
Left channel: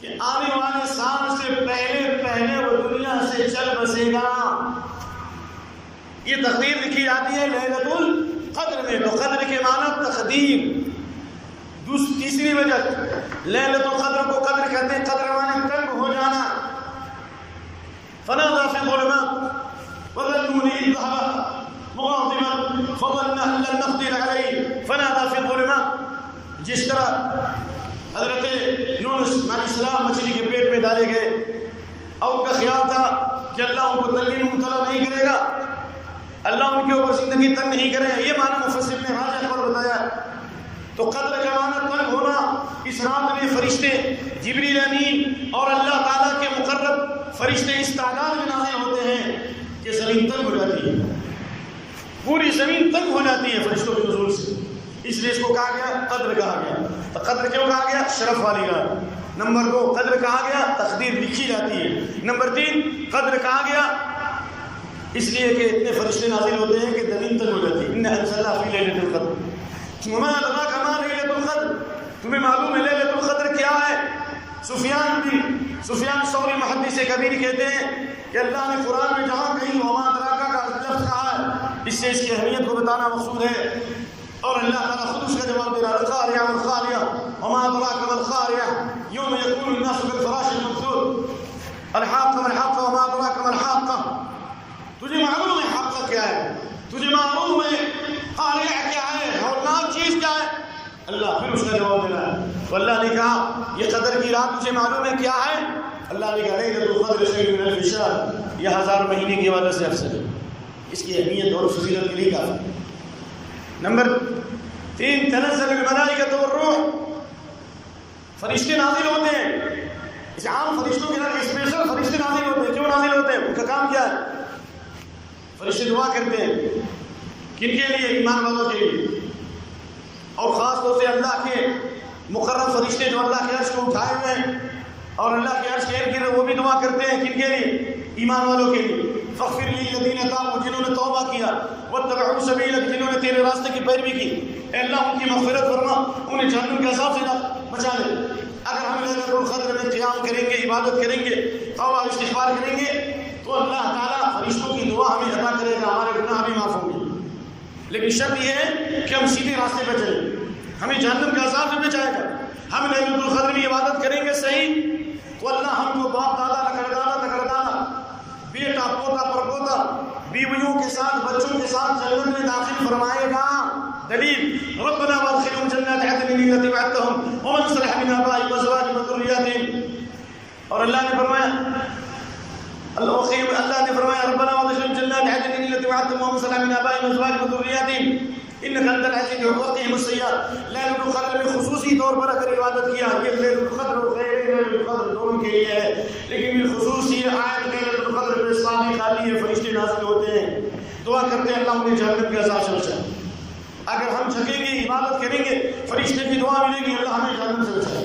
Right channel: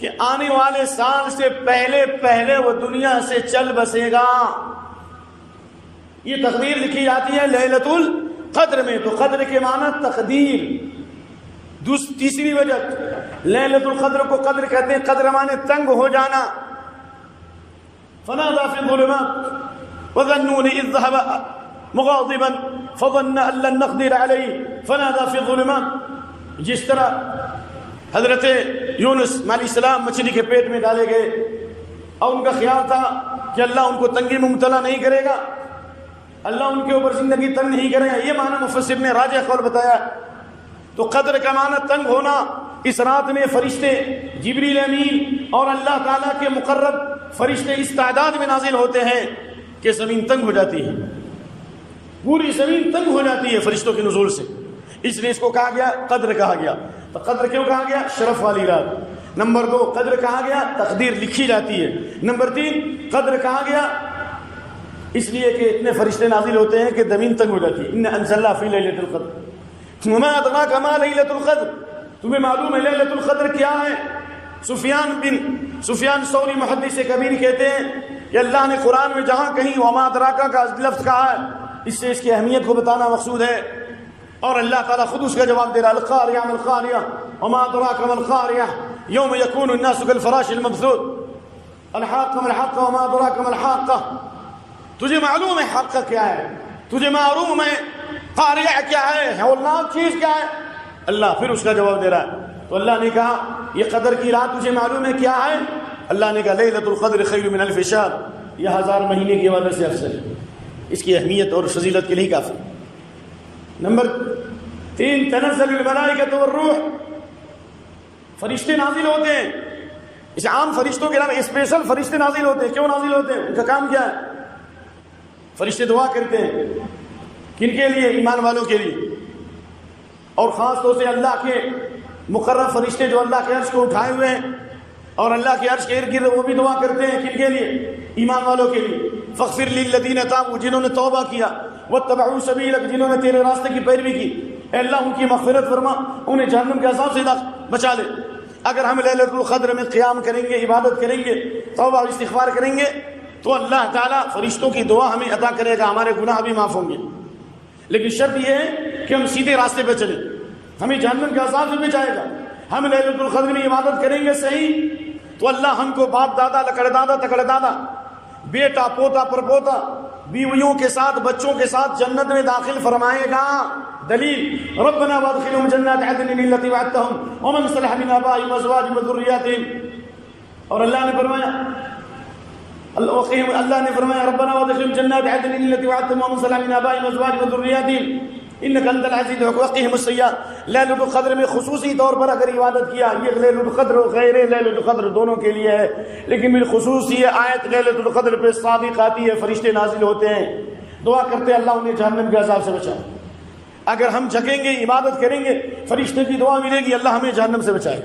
کہ آنے والے سال سے پہلے پہلے وہ دنیا سے چل بسے گا۔ یہ تقدیر لکھی جاتی ہے لیلۃ القدر میں، تو قدر کے معنی تقدیر۔ تیسری وجہ لیلۃ القدر کو قدر کہتے ہیں، قدر معنی تنگ ہو جانا۔ فنادى في الظلمات وظنوا إذ ذهب مغاضبا فظن أن لن نقدر عليه فنادى في الظلمات۔ جس طرح حضرت یونس علیہ السلام مچھلی کے پیٹ میں ڈالے گئے اور ان کا خیال تھا کہ اللہ ان کو تنگی میں مبتلا نہیں کرے گا، اللہ ان کے اوپر زندگی تنگ نہیں کرے گا، یہ معنی مفسر نے راجح قول بتایا۔ تو قدر کا معنی تنگ ہونا۔ اس رات میں فرشتے جبریل امین اور اللہ تعالیٰ کے مقرب فرشتے اس تعداد میں نازل ہوتے ہیں کہ زمین تنگ ہو جاتی ہے، پوری زمین تنگ ہو جاتی ہے فرشتوں کے نزول سے، اس لیے اس کو کہا گیا قدر کہا گیا۔ تو قدر کیوں کہا گیا؟ شرف والی رات۔ نمبر 2 قدر کہا گیا تقدیر لکھی جاتی ہے۔ نمبر 3 قدر کہا گیا اس لیے کہ اتنے فرشتے نازل ہوتے ہیں کہ زمین تنگ ہو جاتی ہے۔ ان انزلنا فی لیلۃ القدر وما ادراک ما لیلۃ القدر، تمہیں معلوم ہے لیلۃ القدر کیا ہے؟ سفیان ثوری محدث کبیر کہتے ہیں کہ اللہ نے قرآن میں جہاں کہیں وما ادراک کا لفظ کہا ہے، اس سے اس کی اہمیت کو بتانا مقصود ہے، اور اللہ تعالیٰ خود اس کا جواب دے رہا ہے، القاریہ ما القاریہ وما ادراک ما القاریہ یوم یکون الناس کالفراش المبثوث الحاقہ ما الحاقہ وما ادراک ما الحاقہ۔ تجھے معلوم ہے حق کیا ہے، تجھے معلوم ہے قاریہ کیا ہے، ہولناک چیز کیا ہے؟ اللہ پھر اس کا جواب دے رہا ہے۔ تو اللہ نے کہا یہ قدر کی رات تجھے معلوم ہے کیا ہے؟ اللہ نے کہا لیلۃ القدر خیر من الف شہر، یہ 1000 مہینے کی عبادت سے افضل ہے، اس کی اہمیت اور فضیلت کے لیے کافی۔ نمبر 3 تنزل الملائکۃ والروح، فرشتے نازل ہوتے ہیں. اس عام فرشتوں کے علاوہ اسپیشل فرشتے نازل ہوتے ہیں. کیوں نازل ہوتے ہیں؟ ان کا کام کیا ہے؟ فرشتے دعا کرتے ہیں. کن کے لیے؟ ایمان والوں کے لیے. اور خاص طور سے اللہ کے مقرب فرشتے جو اللہ کے عرش کو اٹھائے ہوئے ہیں اور اللہ کے عرش کے ارد گرد وہ بھی دعا کرتے ہیں. کن کے لیے؟ ایمان والوں کے لیے. فاغفر للذین تابوا، جنہوں نے توبہ کیا، واتبعوا سبیلک، جنہوں نے تیرے راستے کی پیروی کی. اے اللہ ان کی مغفرت فرما، انہیں جہنم کے عذاب سے بچا لے. اگر ہم لیلۃ القدر میں قیام کریں گے، عبادت کریں گے، توبہ استغفار کریں گے تو اللہ تعالیٰ فرشتوں کی دعا ہمیں عطا کرے گا، ہمارے گناہ بھی معاف ہوں گے. لیکن شرط یہ ہے کہ ہم سیدھے راستے پہ چلیں، ہمیں جہنم کے عذاب سے بچائے گا. ہم لیلۃ القدر میں عبادت کریں گے صحیح تو اللہ ہم کو باپ دادا لکڑ دادا تکڑ دادا بیٹا پوتا پر پوتا بیویوں کے ساتھ بچوں کے ساتھ جنت میں داخل فرمائے گا. دلیل ربنا وادخلهم جنات عدن التي وعدتهم ومن صلح من آبائهم وازواجهم وذرياتهم. اور اللہ نے فرمایا ربنا وادخلهم جنات عدن التي وعدتهم ومن صلح من آبائهم وازواجهم وذرياتهم انك انت العزيز وقهم السيئات. لیلۃ القدر میں خصوصی طور پر اگر عبادت کیا، یہ لیلۃ القدر غیر لیلۃ القدر دونوں کے لیے ہے، لیکن بالخصوص یہ آیت لیلۃ القدر پہ صادق آتی ہے، فرشتے نازل ہوتے ہیں، دعا کرتے ہیں اللہ انہیں جہنم کے عذاب سے بچائے. اگر ہم جھکیں گے، عبادت کریں گے، فرشتے کی دعا ملے گی، اللہ ہمیں جہنم سے بچائے.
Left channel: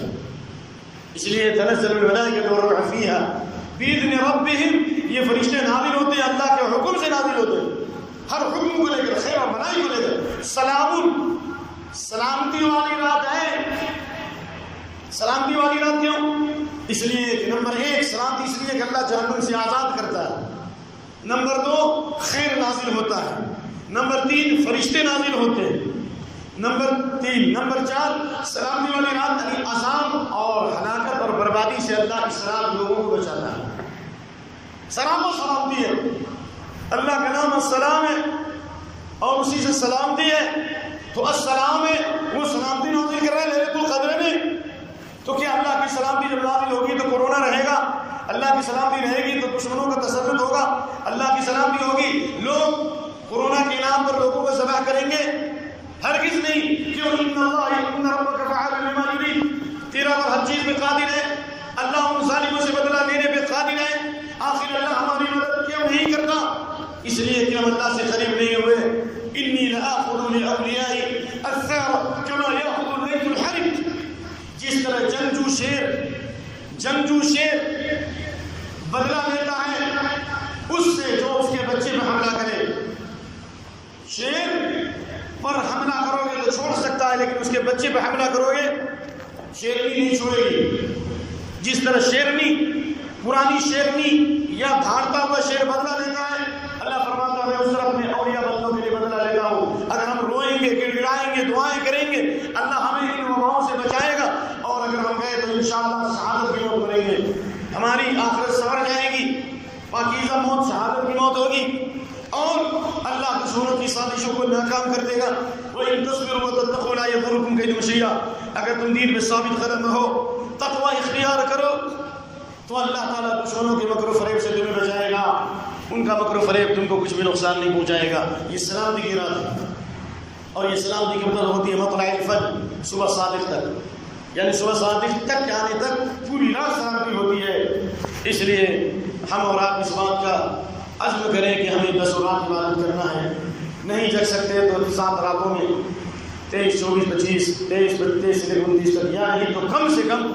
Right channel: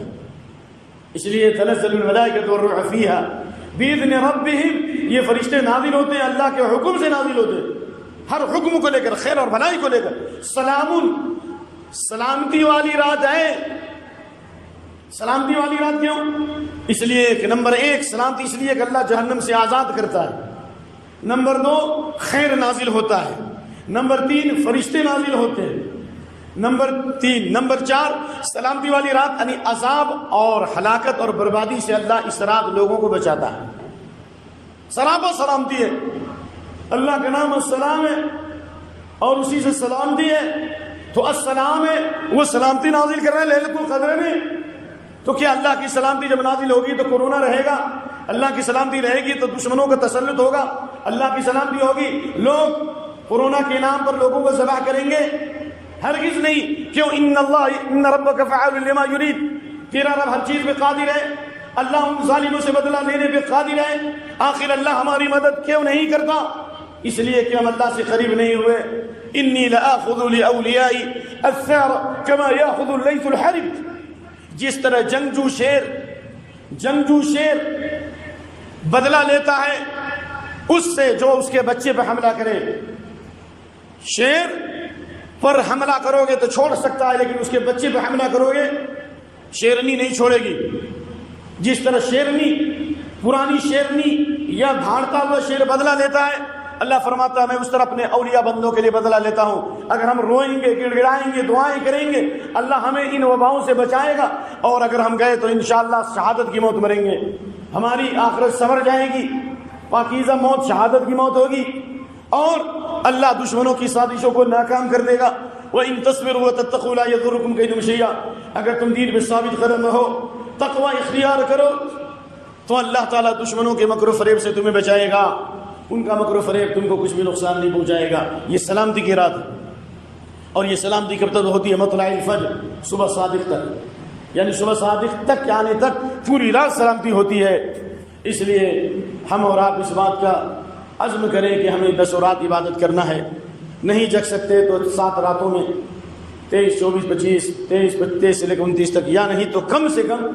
اس لیے تنزل الملائکۃ والروح فیہا بإذن ربہم، یہ فرشتے نازل ہوتے ہیں، اللہ کے حکم سے نازل ہوتے ہیں، ہر حکم کو لے کر، خیر اور بھلائی کو لے کر. سلام، سلامتی والی رات ہے. سلامتی والی رات کیوں؟ اس لیے کہ نمبر 1 سلامتی اس لیے کہ اللہ جہنم سے آزاد کرتا ہے. نمبر 2 خیر نازل ہوتا ہے. نمبر 3 فرشتے نازل ہوتے ہیں. نمبر 4 سلامتی والی رات یعنی عذاب اور ہلاکت اور بربادی سے اللہ اس رات لوگوں کو بچاتا ہے. سلام و سلامتی ہے، اللہ کا نام السلام ہے اور اسی سے سلامتی ہے. تو السلام ہے، وہ سلامتی نازل کر رہے ہیں لیلۃ القدر میں. تو کیا اللہ کی سلامتی جب نازل ہوگی تو کورونا رہے گا؟ اللہ کی سلامتی رہے گی تو دشمنوں کا تسلط ہوگا؟ اللہ کی سلامتی ہوگی لوگ کورونا کے نام پر لوگوں کو ذبح کریں گے؟ ہرگز نہیں. کیوں؟ ان ربک فعال لما یرید، تیرا رب ہر چیز پہ قادر ہے، اللہ ان ظالموں سے بدلہ لینے پہ قادر ہے. آخر اللہ ہماری مدد کیوں نہیں کرتا؟ اس لیے کہ ہم اللہ سے قریب نہیں ہوئے. انی لآخذ لاولیائی الثار کما یاخذ اللیث الحرب. جس طرح جنگجو شیر بدلہ لیتا ہے اس سے جو اس کے بچے پہ حملہ کرے. شیر پر حملہ کرو گے تو چھوڑ سکتا ہے، لیکن اس کے بچے پہ حملہ کرو گے شیرنی نہیں چھوڑے گی. جس طرح شیرنی، پرانی شیرنی یا بھاڑتا ہوا شیر بدلہ لیتا ہے، اللہ فرماتا ہے میں اس طرح اپنے اولیاء بندوں کے لیے بدلہ لیتا ہوں. اگر ہم روئیں گے، گڑگڑائیں گے، دعائیں کریں گے، اللہ ہمیں ان وباؤں سے بچائے گا. اور اگر ہم گئے تو انشاءاللہ شہادت کی موت مریں گے، ہماری آخرت سنور جائے گی، پاکیزہ موت شہادت کی موت ہوگی، اور اللہ دشمنوں کی سازشوں کو ناکام کر دے گا. وَإِن تَصْبِرُوا وَتَتَّقُوا لَا يَضُرُّكُمْ كَيْدُهُمْ شَيْئًا. اگر تم دین پہ ثابت قدم ہو، تقوی اختیار کرو، تو اللہ تعالیٰ دشمنوں کے مکر و فریب سے تمہیں بچائے گا. ان کا مکر و فریب تم کو کچھ بھی نقصان نہیں پہنچائے گا. یہ سلامتی کی رات ہے. اور یہ سلامتی کب تک ہوتی ہے؟ مطلع الفجر، صبح صادق تک، یعنی صبح صادق تک آنے تک پوری رات سلامتی ہوتی ہے. اس لیے ہم اور آپ اس بات کا عزم کریں کہ ہمیں 10 رات عبادت کرنا ہے. نہیں جگ سکتے تو 7 راتوں میں 23, 24, 25, 23 سے لے کر 29 تک، یا نہیں تو کم سے کم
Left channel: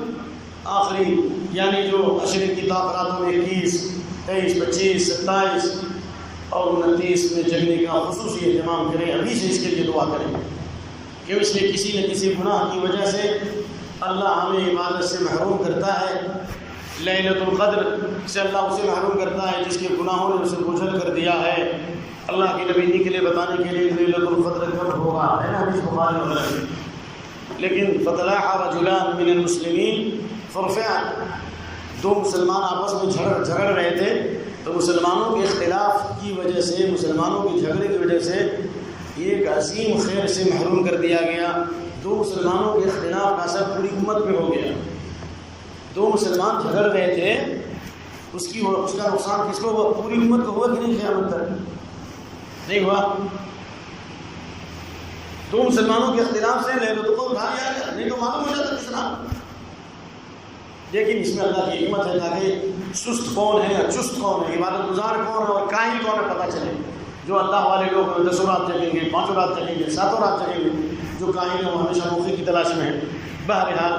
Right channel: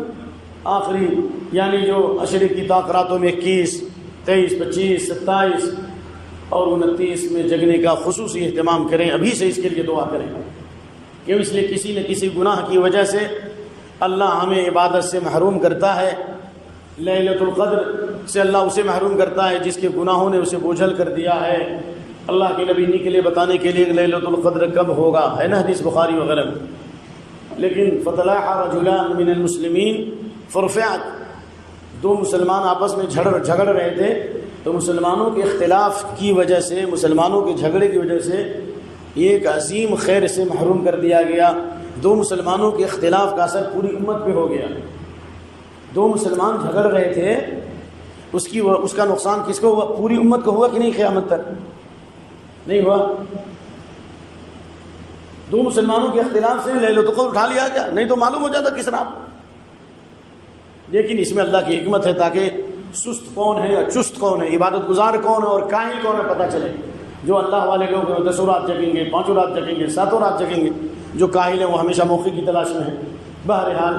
آخری یعنی جو عشرے کی طاق راتوں میں 21, 23, 25, 27 اور 29 میں جگنے کا خصوصی اہتمام کریں. ابھی سے اس کے لیے دعا کریں، کہ اس لیے کسی نہ کسی گناہ کی وجہ سے اللہ ہمیں عبادت سے محروم کرتا ہے. لیلۃ القدر سے اللہ اسے محروم کرتا ہے جس کے گناہوں نے اسے بوجھل کر دیا ہے. اللہ کے نبی نکلے بتانے کے لیے لیلۃ القدر کب ہوگا، ہے نا، حدیث بخاری وغیرہ میں. لیکن فطلع رجلان من المسلمین فرفعت، 2 مسلمان آپس میں جھگڑ رہے تھے تو مسلمانوں کے اختلاف کی وجہ سے، مسلمانوں کے جھگڑے کی وجہ سے ایک عظیم خیر سے محروم کر دیا گیا. 2 مسلمانوں کے اختلاف کا اثر پوری امت پہ ہو گیا. 2 مسلمان جھگڑ رہے تھے، اس کا نقصان کس کو ہوا؟ پوری امت کو ہوا کہ نہیں؟ قیامت تک نہیں ہوا. دو مسلمانوں کے اختلاف سے لے لو تو اٹھا لیا گیا، نہیں تو معلوم ہو جاتا کس نام۔ لیکن اس میں اللہ کی حکمت ہے تاکہ سست کون ہے اور چست کون ہے، عبادت گزار کون ہے اور کاہل کون ہے پتہ چلے۔ جو اللہ والے لوگ ہیں 10 رات جگیں گے، 5 رات جگیں گے، 7 رات جگیں گے، جو کاہل ہیں وہ ہمیشہ موقع کی تلاش میں ہیں۔ بہرحال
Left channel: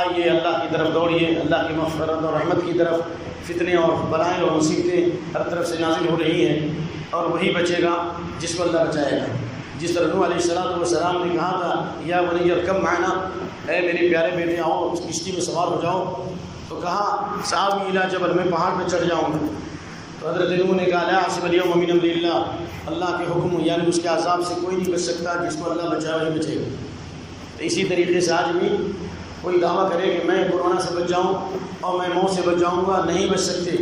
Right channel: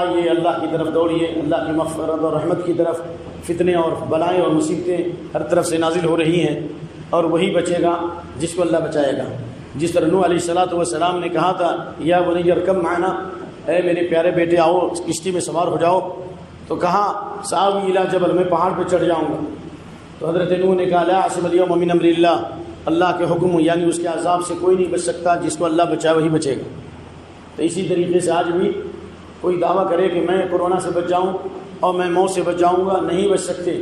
آئیے اللہ کی طرف دوڑیے، اللہ کی مغفرت اور رحمت کی طرف۔ فتنے اور بلائیں اور مصیبتیں ہر طرف سے نازل ہو رہی ہیں، اور وہی بچے گا جس کو اللہ بچائے گا۔ جس طرح نوح علیہ السلام نے کہا تھا یا بنی ارکب معنا، اے میرے پیارے بیٹے آؤ کشتی میں سوار ہو جاؤ، تو کہا سآوی الی جبل، میں پہاڑ پہ چڑھ جاؤں گا۔ تو حضرت نوح نے کہا لا عاصم اليوم من امر اللہ، اللہ کے حکم یعنی اس کے عذاب سے کوئی نہیں بچ سکتا، جس کو اللہ بچائے وہی بچے گا۔ تو اسی طریقے سے آج بھی کوئی دعویٰ کرے کہ میں کورونا سے بچ جاؤں اور میں موت سے بچ جاؤں گا، نہیں بچ سکتے،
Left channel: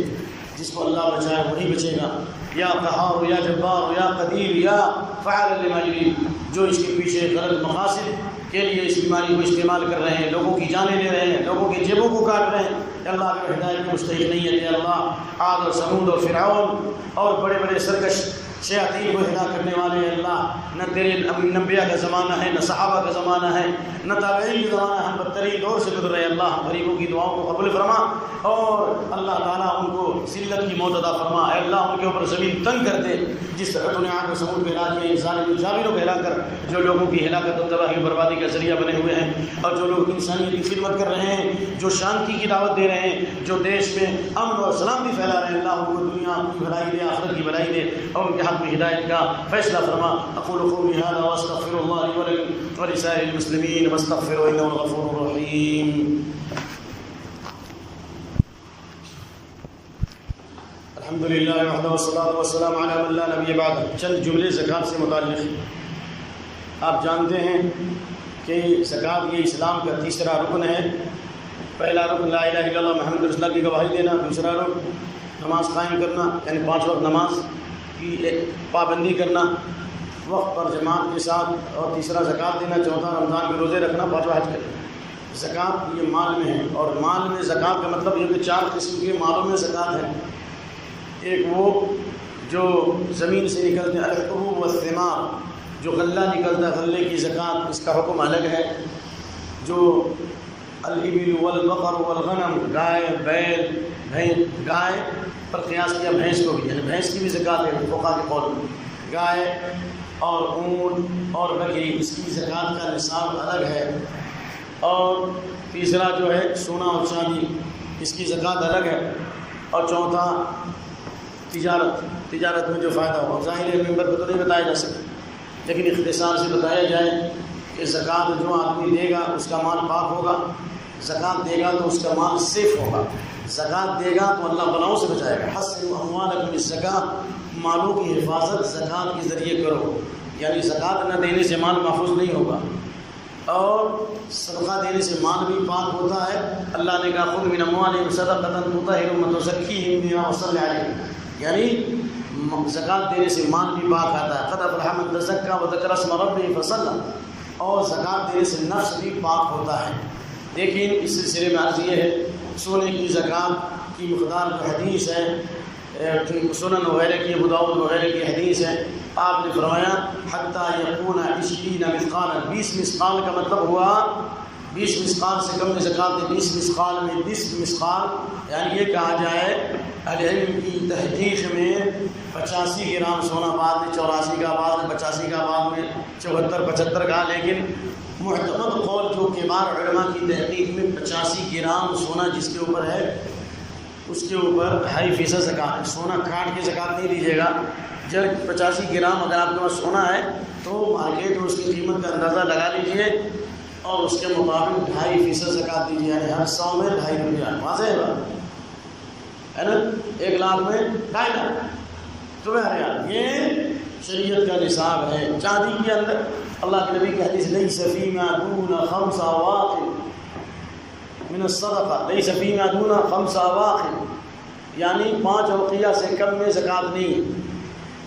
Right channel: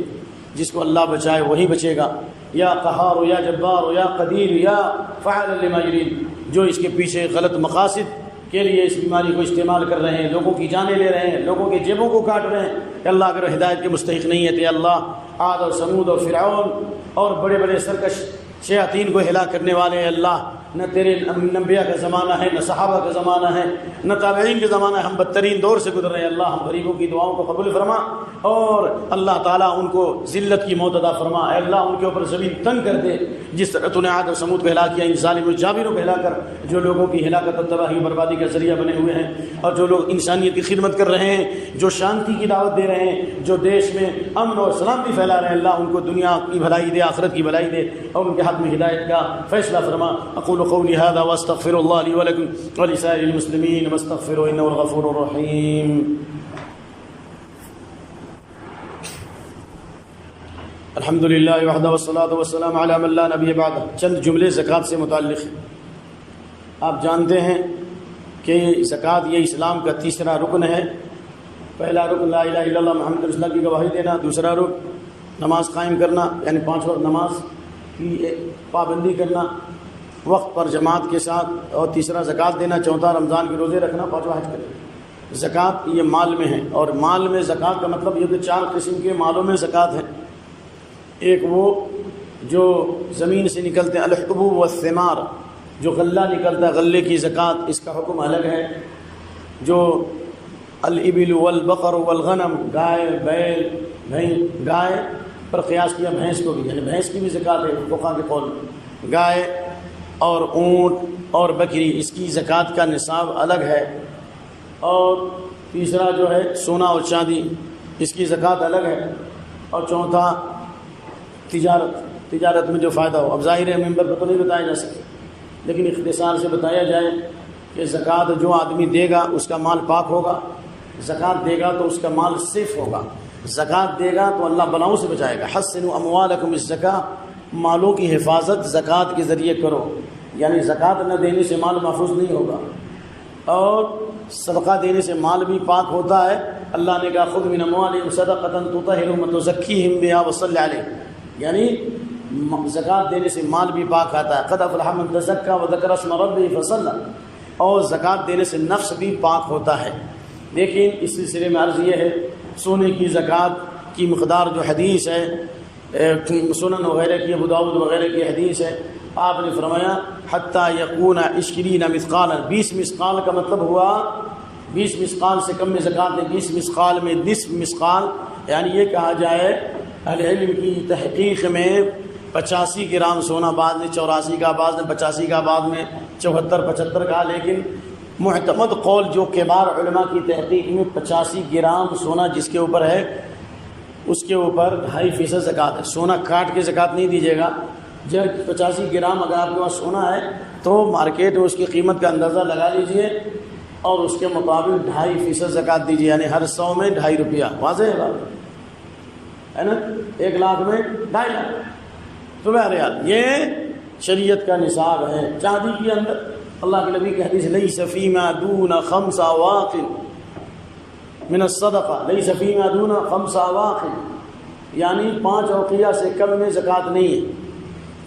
جس کو اللہ بچائے وہی بچے گا۔ یا قہار یا جبار یا قدیر یا فعال لما یرید، جو اس کے پیچھے غلط مقاصد کے لیے اس بیماری کو استعمال کر رہے ہیں، لوگوں کی جانیں لے رہے ہیں، لوگوں کے جیبوں کو کاٹ رہے ہیں، کہ اللہ اگر ہدایت کے مستحق نہیں ہے تو اللہ عاد اور ثمود اور فرعون اور بڑے بڑے سرکش شیاطین کو ہلاک کرنے والے اللہ، نہ تیرے انبیاء کا زمانہ ہے، نہ صحابہ کا زمانہ ہے، نہ تابعین کا زمانہ ہے، ہم بدترین دور سے گزر رہے ہیں۔ اللہ ہم غریبوں کی دعاؤں کو قبول فرما، اور اللہ تعالیٰ ان کو ذلت کی موت عطا فرما۔ اے اللہ ان کے اوپر زمین تنگ کر دے، جس طرح تو نے عاد اور ثمود کو ہلاک کیا، ان ظالم و جابروں کو ہلاک کر، جو لوگوں کی ہلاکت اور تباہی و بربادی کا ذریعہ بنے ہوئے ہیں، اور جو لوگ انسانیت کی خدمت کر رہے ہیں، جو شانتی کی دعوت دے رہے ہیں، جو دیش میں امن اور سلامتی پھیلا رہے ہیں، اللہ ان کو دنیا کی بھلائی دے، آخرت کی بھلائی دے، اور ان کے حق میں ہدایت کا فیصلہ فرما۔ اقول قولی هذا واستغفر الله لي ولكم ولسائر المسلمين واستغفروه انه الغفور الرحيم۔ الحمد للہ وحدہ والصلاة والسلام علی من لا نبی بعدہ۔ چند جملے زکوٰۃ سے متعلق۔ آپ جانتے ہیں کہ زکوٰۃ یہ اسلام کا تیسرا رکن ہے۔ پہلا رکن لا الہ الا اللہ محمد رسول اللہ کی گواہی دینا، دوسرا رکن نماز قائم کرنا یعنی 5 وقت نماز کی پابندی کرنا وقت پر جماعت کے ساتھ، اور تیسرا زکوٰۃ دینا، چوتھا رمضان کے روزے رکھنا، 5واں حج کرنا۔ زکوٰۃ یہ مال میں ہے، اور مال میں زکوٰۃ کا مطلب یہ کہ 4 قسم کے مالوں میں زکوٰۃ ہے۔ ایک وہ جو زمین سے نکلتے ہیں الحبوب والثمار، جو غلہ نکلتا ہے، غلے کی زکوٰۃ اس کا حکم الگ ہے۔ جو الابل والبقر والغنم، گائے بیل بھینس، گائے پر قیاس کیا بھینس کو بھی، یعنی بھینس کی بھی زکوٰۃ ہے فقہا کے قول میں۔ گائے اور اونٹ اور بکری، اس کی زکوٰۃ کا نصاب الگ ہے۔ اور تیسرا جو ہے سونا اور چاندی، اس کی زکوٰۃ الگ ہے۔ اور چوتھا تجارت میں جو فائدہ ہو۔ اب ظاہر ممبر پہ تو نہیں بتایا جا سکتا، لیکن اختصار سے بتایا جائے کہ زکوٰۃ جو آدمی دے گا اس کا مال پاک ہوگا، زکوٰۃ دے گا تو اس کا مال سیف ہوگا، زکوٰۃ دے گا تو اللہ بلاؤں سے بچائے گا۔ حسنوا اموالکم بالزکاۃ، مالوں کی حفاظت زکوٰۃ کے ذریعے کرو، یعنی زکوٰۃ نہ دینے سے مال محفوظ نہیں ہوگا، اور صدقہ دینے سے مال بھی پاک ہوتا ہے۔ اللہ نے کہا خذ من اموالہم صدقۃ تطہرھم وتزکیہم بہا وصلی علیہم، یعنی زکوٰۃ دینے سے مال بھی پاک آتا ہے۔ قد افلح من تزکیٰ وذکر اسم ربہ فصلی، اور زکوٰۃ دینے سے نفس بھی پاک ہوتا ہے۔ لیکن اس سلسلے میں عرض یہ ہے، سونے کی زکوٰۃ کی مقدار جو حدیث ہے سنن وغیرہ کی، ابو داؤد وغیرہ کی حدیث ہے، آپ نے فرمایا حتیٰ یکون 20 مثقالا، 20 مثقال کا مطلب ہوا 20 مثقال سے کم میں زکوٰۃ ہے۔ 20 مثقال میں 20 مثقال یعنی یہ کہا جائے اہل علم کی تحقیق میں 85 گرام سونا، بعد میں 84 کا، بعد میں 85 کا، بعد میں 74 75 کا، لیکن معتمد قول جو کبار علماء کی تحقیق میں 85 گرام سونا جس کے اوپر ہے، اس کے اوپر 2.5% زکوٰۃ ہے۔ سونا کاٹ کے زکوٰۃ نہیں دیجیے گا۔ جب 85 گرام اگر آپ کے پاس سونا ہے تو مارکیٹ میں اس کی قیمت کا اندازہ لگا لیجئے، اور اس کے مطابق 2.5% زکوٰۃ دیجیے، یعنی ہر 100 میں 2.5 روپیہ۔ واضح ہے بات ہے نا؟ 1 لاکھ میں 2.5 لاکھ، تو بہرحال یہ شریعت کا نصاب ہے۔ چاندی کے اندر اللہ کے نبی کی حدیث لیس فیما دون 5 اواق من الصدقہ، لیس فیما دون 5 اواق، یعنی 5 اوقیہ سے کم میں زکوٰۃ نہیں ہے۔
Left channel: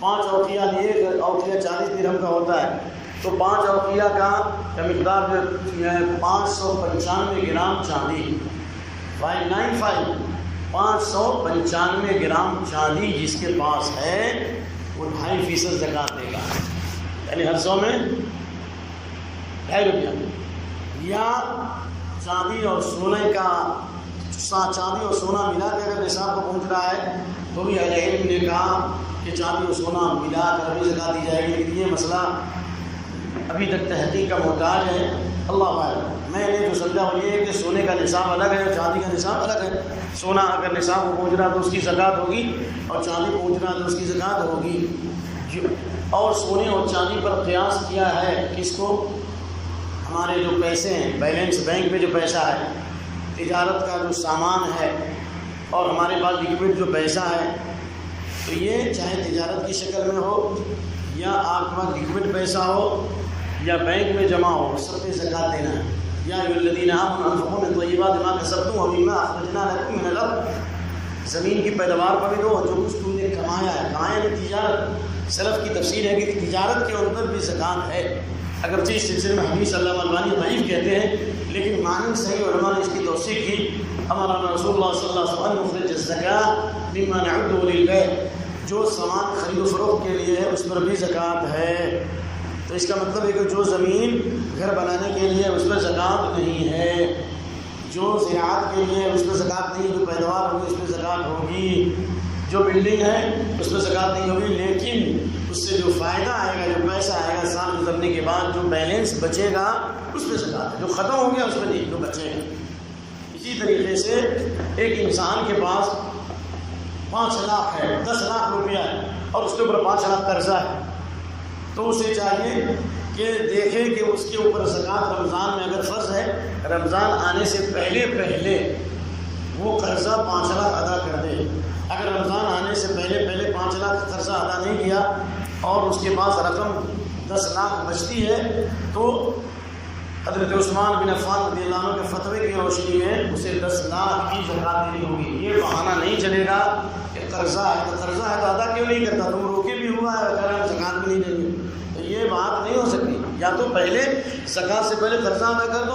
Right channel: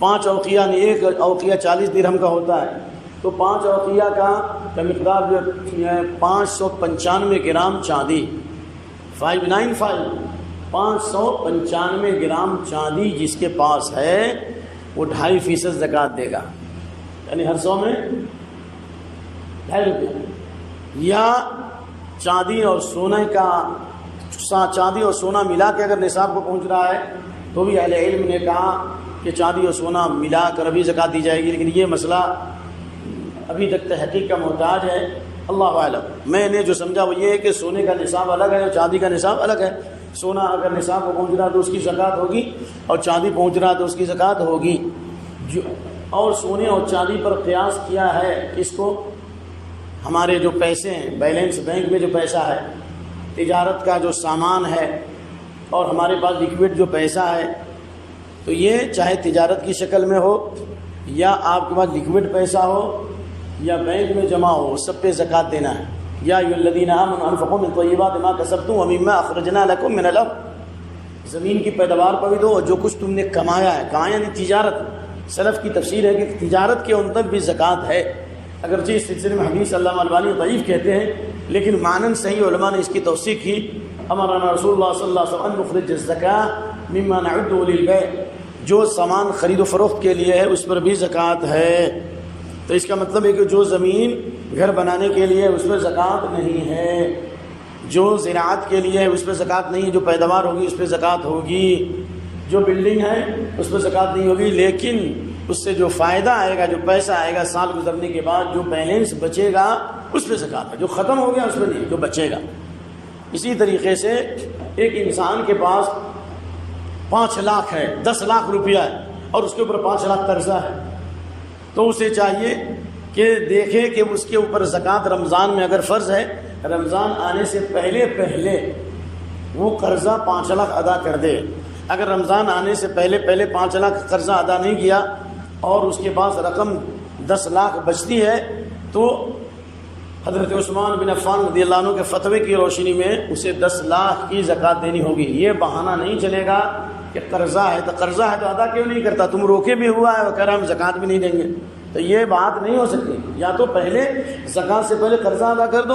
5 اوقیہ یعنی 1 اوقیہ 40 درہم کا ہوتا ہے، تو 5 اوقیہ کا مقدار جو 595 گرام چاندی، 595 گرام چاندی جس کے پاس ہے وہ 2.5% زکوٰۃ دے گا، یعنی ہر 100 میں 2.5 روپیہ، یا چاندی اور سونا ملا کے اگر نصاب کو پہنچ رہا ہے تو بھی اہل علم نے کہا کہ چاندی اور سونا ملا کر بھی زکوٰۃ دی جائے گی، لیکن یہ مسئلہ ابھی تک تحقیق کا محتاج ہے، اللہ اعلم۔ میں نے جو سمجھا وہ یہ ہے کہ سونے کا نصاب الگ ہے، چاندی کا نصاب الگ ہے۔ سونا اگر نصاب کو پہنچ رہا تو اس کی زکوٰۃ ہوگی، اور چاندی پہنچ رہا تو اس کی زکوٰۃ ہوگی۔ اور سونے اور چاندی پر قیاس کیا ہے کس کو؟ ہمارے جو پیسے ہیں، بیلنس بینک میں جو پیسہ ہے، تجارت کا جو سامان ہے، اور ہمارے پاس لکوڈ جو پیسہ ہے، تو یہ چاہے تجارت کی شکل میں ہو یا آپ کے پاس لکوڈ پیسہ ہو یا بینک میں جمع ہو، سب پہ زکوٰۃ دینا ہے۔ یا ایھا الذین آمنوا انفقوا من طیبات ما کسبتم ومما اخرجنا لکم من الارض، زمین کی پیداوار پر بھی دو، جو کچھ تم نے کمایا ہے، کہاں یعنی تجارت۔ سلف کی تفسیر ہے کہ تجارت کے اندر بھی زکوٰۃ ہے، اگرچہ اس سلسلے میں حدیث علامہ البانی ضعیف کہتے ہیں، لیکن معنی صحیح علماء نے اس کی توثیق کی۔ امرنا رسول اللہ صلی اللہ علیہ وسلم نخرج الزکاۃ مما نعده للبیع، جو سامان خرید و فروخت کے لیے ہے اس پر بھی زکوٰۃ ہے۔ تو اس کا مطلب ہے کہ جو زمین گھر بنانے کے لیے اس پر زکوٰۃ نہیں ہے، جو زراعت کے لیے ہے اس پہ زکوٰۃ نہیں، جو پیداوار ہوگی اس پہ زکوٰۃ ہوگی، جو بلڈنگ ہے اس پہ زکوٰۃ نہیں ہوگی، لیکن اس سے جو فائدہ آئے گا، جو پیسہ آئے گا سال گزرنے کے بعد، جو بیلنس بچے گا اس پہ زکوٰۃ ہے۔ جو ختم ہو گیا اس پہ نہیں، جو بچے گا۔ اسی طریقے سے ایک انسان کے پاس 5 لاکھ ہے، 10 لاکھ روپیہ ہے، اور اس کے اوپر 5 لاکھ قرضہ ہے، تو اسے چاہیے کہ دیکھے کہ اس کے اوپر زکوٰۃ رمضان میں اگر فرض ہے، رمضان آنے سے پہلے وہ قرضہ 5 لاکھ ادا کر دے۔ اگر رمضان آنے سے پہلے 5 لاکھ قرضہ ادا نہیں کیا اور اس کے پاس رقم 10 لاکھ بچتی ہے، تو حضرت عثمان بن عفان رضی اللہ عنہ کے فتوے کی روشنی میں اسے 10 لاکھ کی زکوٰۃ دینی ہوگی۔ یہ بہانہ نہیں چلے گا کہ قرضہ ہے تو ادا کیوں نہیں کرتا، تم روکے بھی ہوا ہے، کہہ رہا ہم زکوٰۃ بھی نہیں دیں گے، تو یہ بات نہیں ہو سکتی۔ یا تو پہلے زکوٰۃ سے پہلے قرضہ ادا کر دو،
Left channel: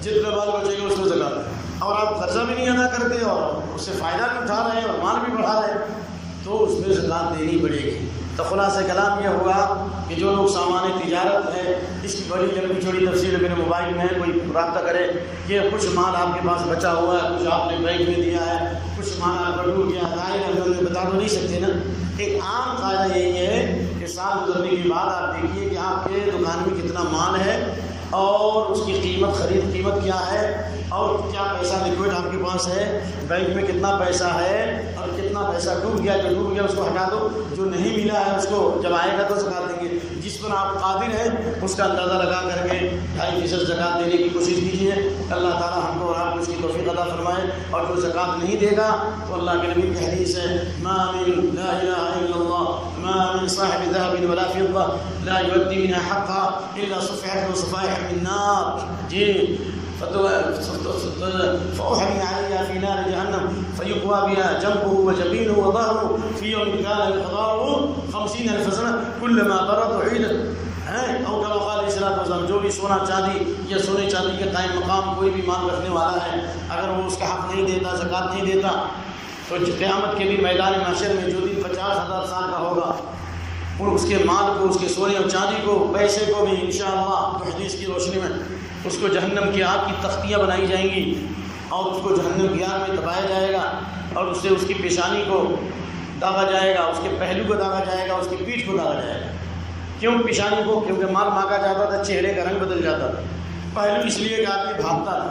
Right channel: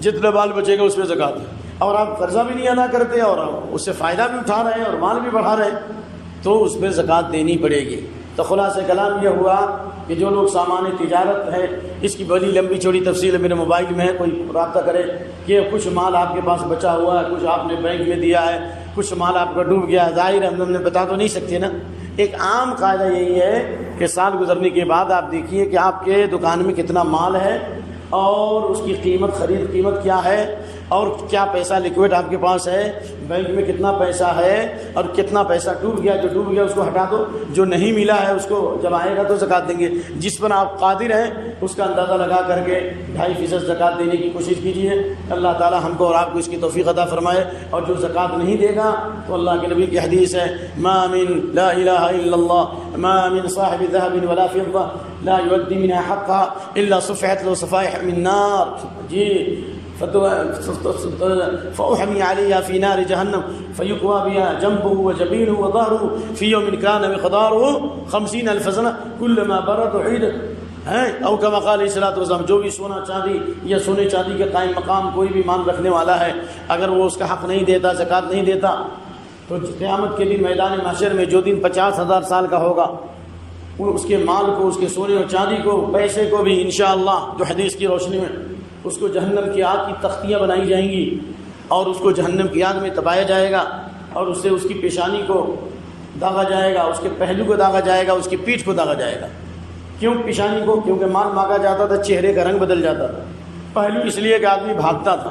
جتنا مال بچے گا اس میں زکوٰۃ ہے، اور آپ قرضہ بھی نہیں ادا کرتے اور اس سے فائدہ بھی اٹھا رہے ہیں اور مال بھی بڑھا رہے ہیں، تو اس میں زکوٰۃ دینی پڑے گی۔ تو خلاصہ کلام یہ ہوا کہ جو لوگ سامان تجارت ہے، اس کی بڑی لمبی چوڑی تفصیل میرے موبائل میں ہے، کوئی رابطہ کرے کہ کچھ مال آپ کے پاس بچا ہوا ہے، کچھ آپ نے بینک میں دیا ہے، کچھ مال آپ کا ڈوب گیا، ظاہر ہم لوگوں نے بتا تو نہیں سکتے نا۔ ایک عام قاعدہ یہی ہے کہ سال گزرنے کے بعد آپ دیکھیے کہ آپ کے دکان میں کتنا مال ہے اور اس کی قیمت، خرید قیمت کیا ہے، اور کیا پیسہ لکوڈ آپ کے پاس ہے، بینک میں کتنا پیسہ ہے، اور کتنا پیسہ ڈوب گیا، جو ڈوب گیا اس کو ہٹا دو، جو نہیں ملا ہے اس کو جب آئے گا تو زکوٰۃ دیں گے۔ جس پر آپ قادر ہیں اس کا اندازہ لگا کر کے 2.5% زکوٰۃ دینے کی کوشش کیجیے۔ اللہ تعالی ہم کو اور آپ کو اس کی توفیق عطا فرمائے۔ اور جو زکوٰۃ نہیں دے گا تو اللہ کے نبی کی حدیث ہے، ما من لا الہ الا اللہ ما من صاحب ذهب ولا فضة لا يؤدي منها حقها الا صفحت له صفائح من نار، جی فأحمي عليها في نار جهنم فيقوى بها جنبه وجبينه وظهره في يوم كان مقداره 50,000 سنة كلما برد عيدت، او كما قال علیہ الصلوۃ والسلام۔ جو بھی سونا چاندی یا سونے چاندی کے قائم مقام کوئی بھی مال رکھنے والا ہے، اگر وہ اس کا حق نہیں دیتا، زکوٰۃ نہیں دیتا، تو قیامت کے دن میدان محشر میں جو دن 50,000 سال کا ہوگا، اس کے مال کو، اس کے سونے اور چاندی کو، پیسے کو بھی انشاءاللہ جو حدیث کی روشنی میں اس کو جہنم کی آگ کی تختیاں بنائی جائیں گی اور اس کو جہنم کی آگ میں تپایا جائے گا، اور اس سے اس کی پیشانی کو داغا جائے گا، اس کے پہلو کو داغا جائے گا، اس کی پیٹھ کو داغا جائے گا۔ کیوں پیشانی کو؟ کیونکہ مال مانگا جاتا تھا، چہرے کا رنگ بدل جاتا تھا۔ پہلو اس لیے کہ آدمی بھاگتا تھا،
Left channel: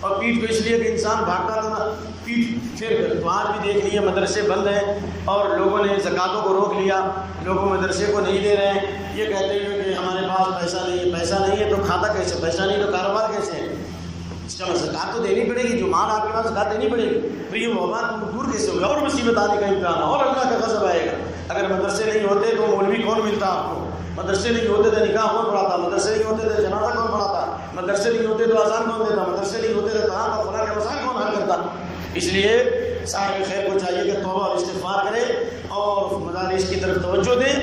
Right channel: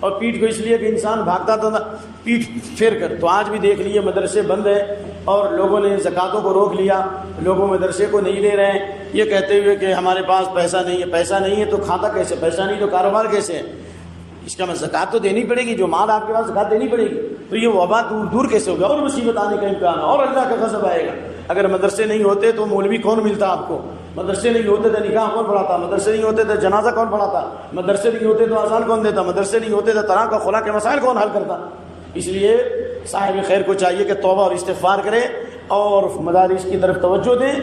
اور پیٹھ کو اس لیے کہ انسان بھاگتا تھا پیٹھ پھیر کر۔ تو آج بھی دیکھ لیے مدرسے بند ہیں اور لوگوں نے زکوٰۃوں کو روک لیا، لوگوں مدرسے کو نہیں دے رہے ہیں، یہ کہتے ہوئے کہ ہمارے پاس پیسہ نہیں ہے۔ پیسہ نہیں ہے تو کھاتا کیسے؟ پیسہ نہیں تو کاروبار کیسے ہے؟ اس کا زکوٰۃ تو دینی پڑے گی، جو مال آپ کے پاس زکوٰۃ دینی پڑے گی۔ تو یہ وبا دور کیسے ہوگا؟ اور مصیبت آنے کا امکان، اور اللہ کا غضب آئے گا۔ اگر مدرسے نہیں ہوتے تو مولوی کون ملتا آپ کو؟ مدرسے نہیں ہوتے تو نکاح کون پڑھاتا؟ مدرسے نہیں ہوتے تو جنازہ کون پڑھاتا؟ مدرسے نہیں ہوتے تو اذان کون دیتا؟ مدرسے نہیں ہوتے تو طلاق و خلا کے مسائل کون حل کرتا؟ اس لیے صاحب خیر کو چاہیے کہ توبہ اور استغفار کرے اور مدارس کی طرف توجہ دیں،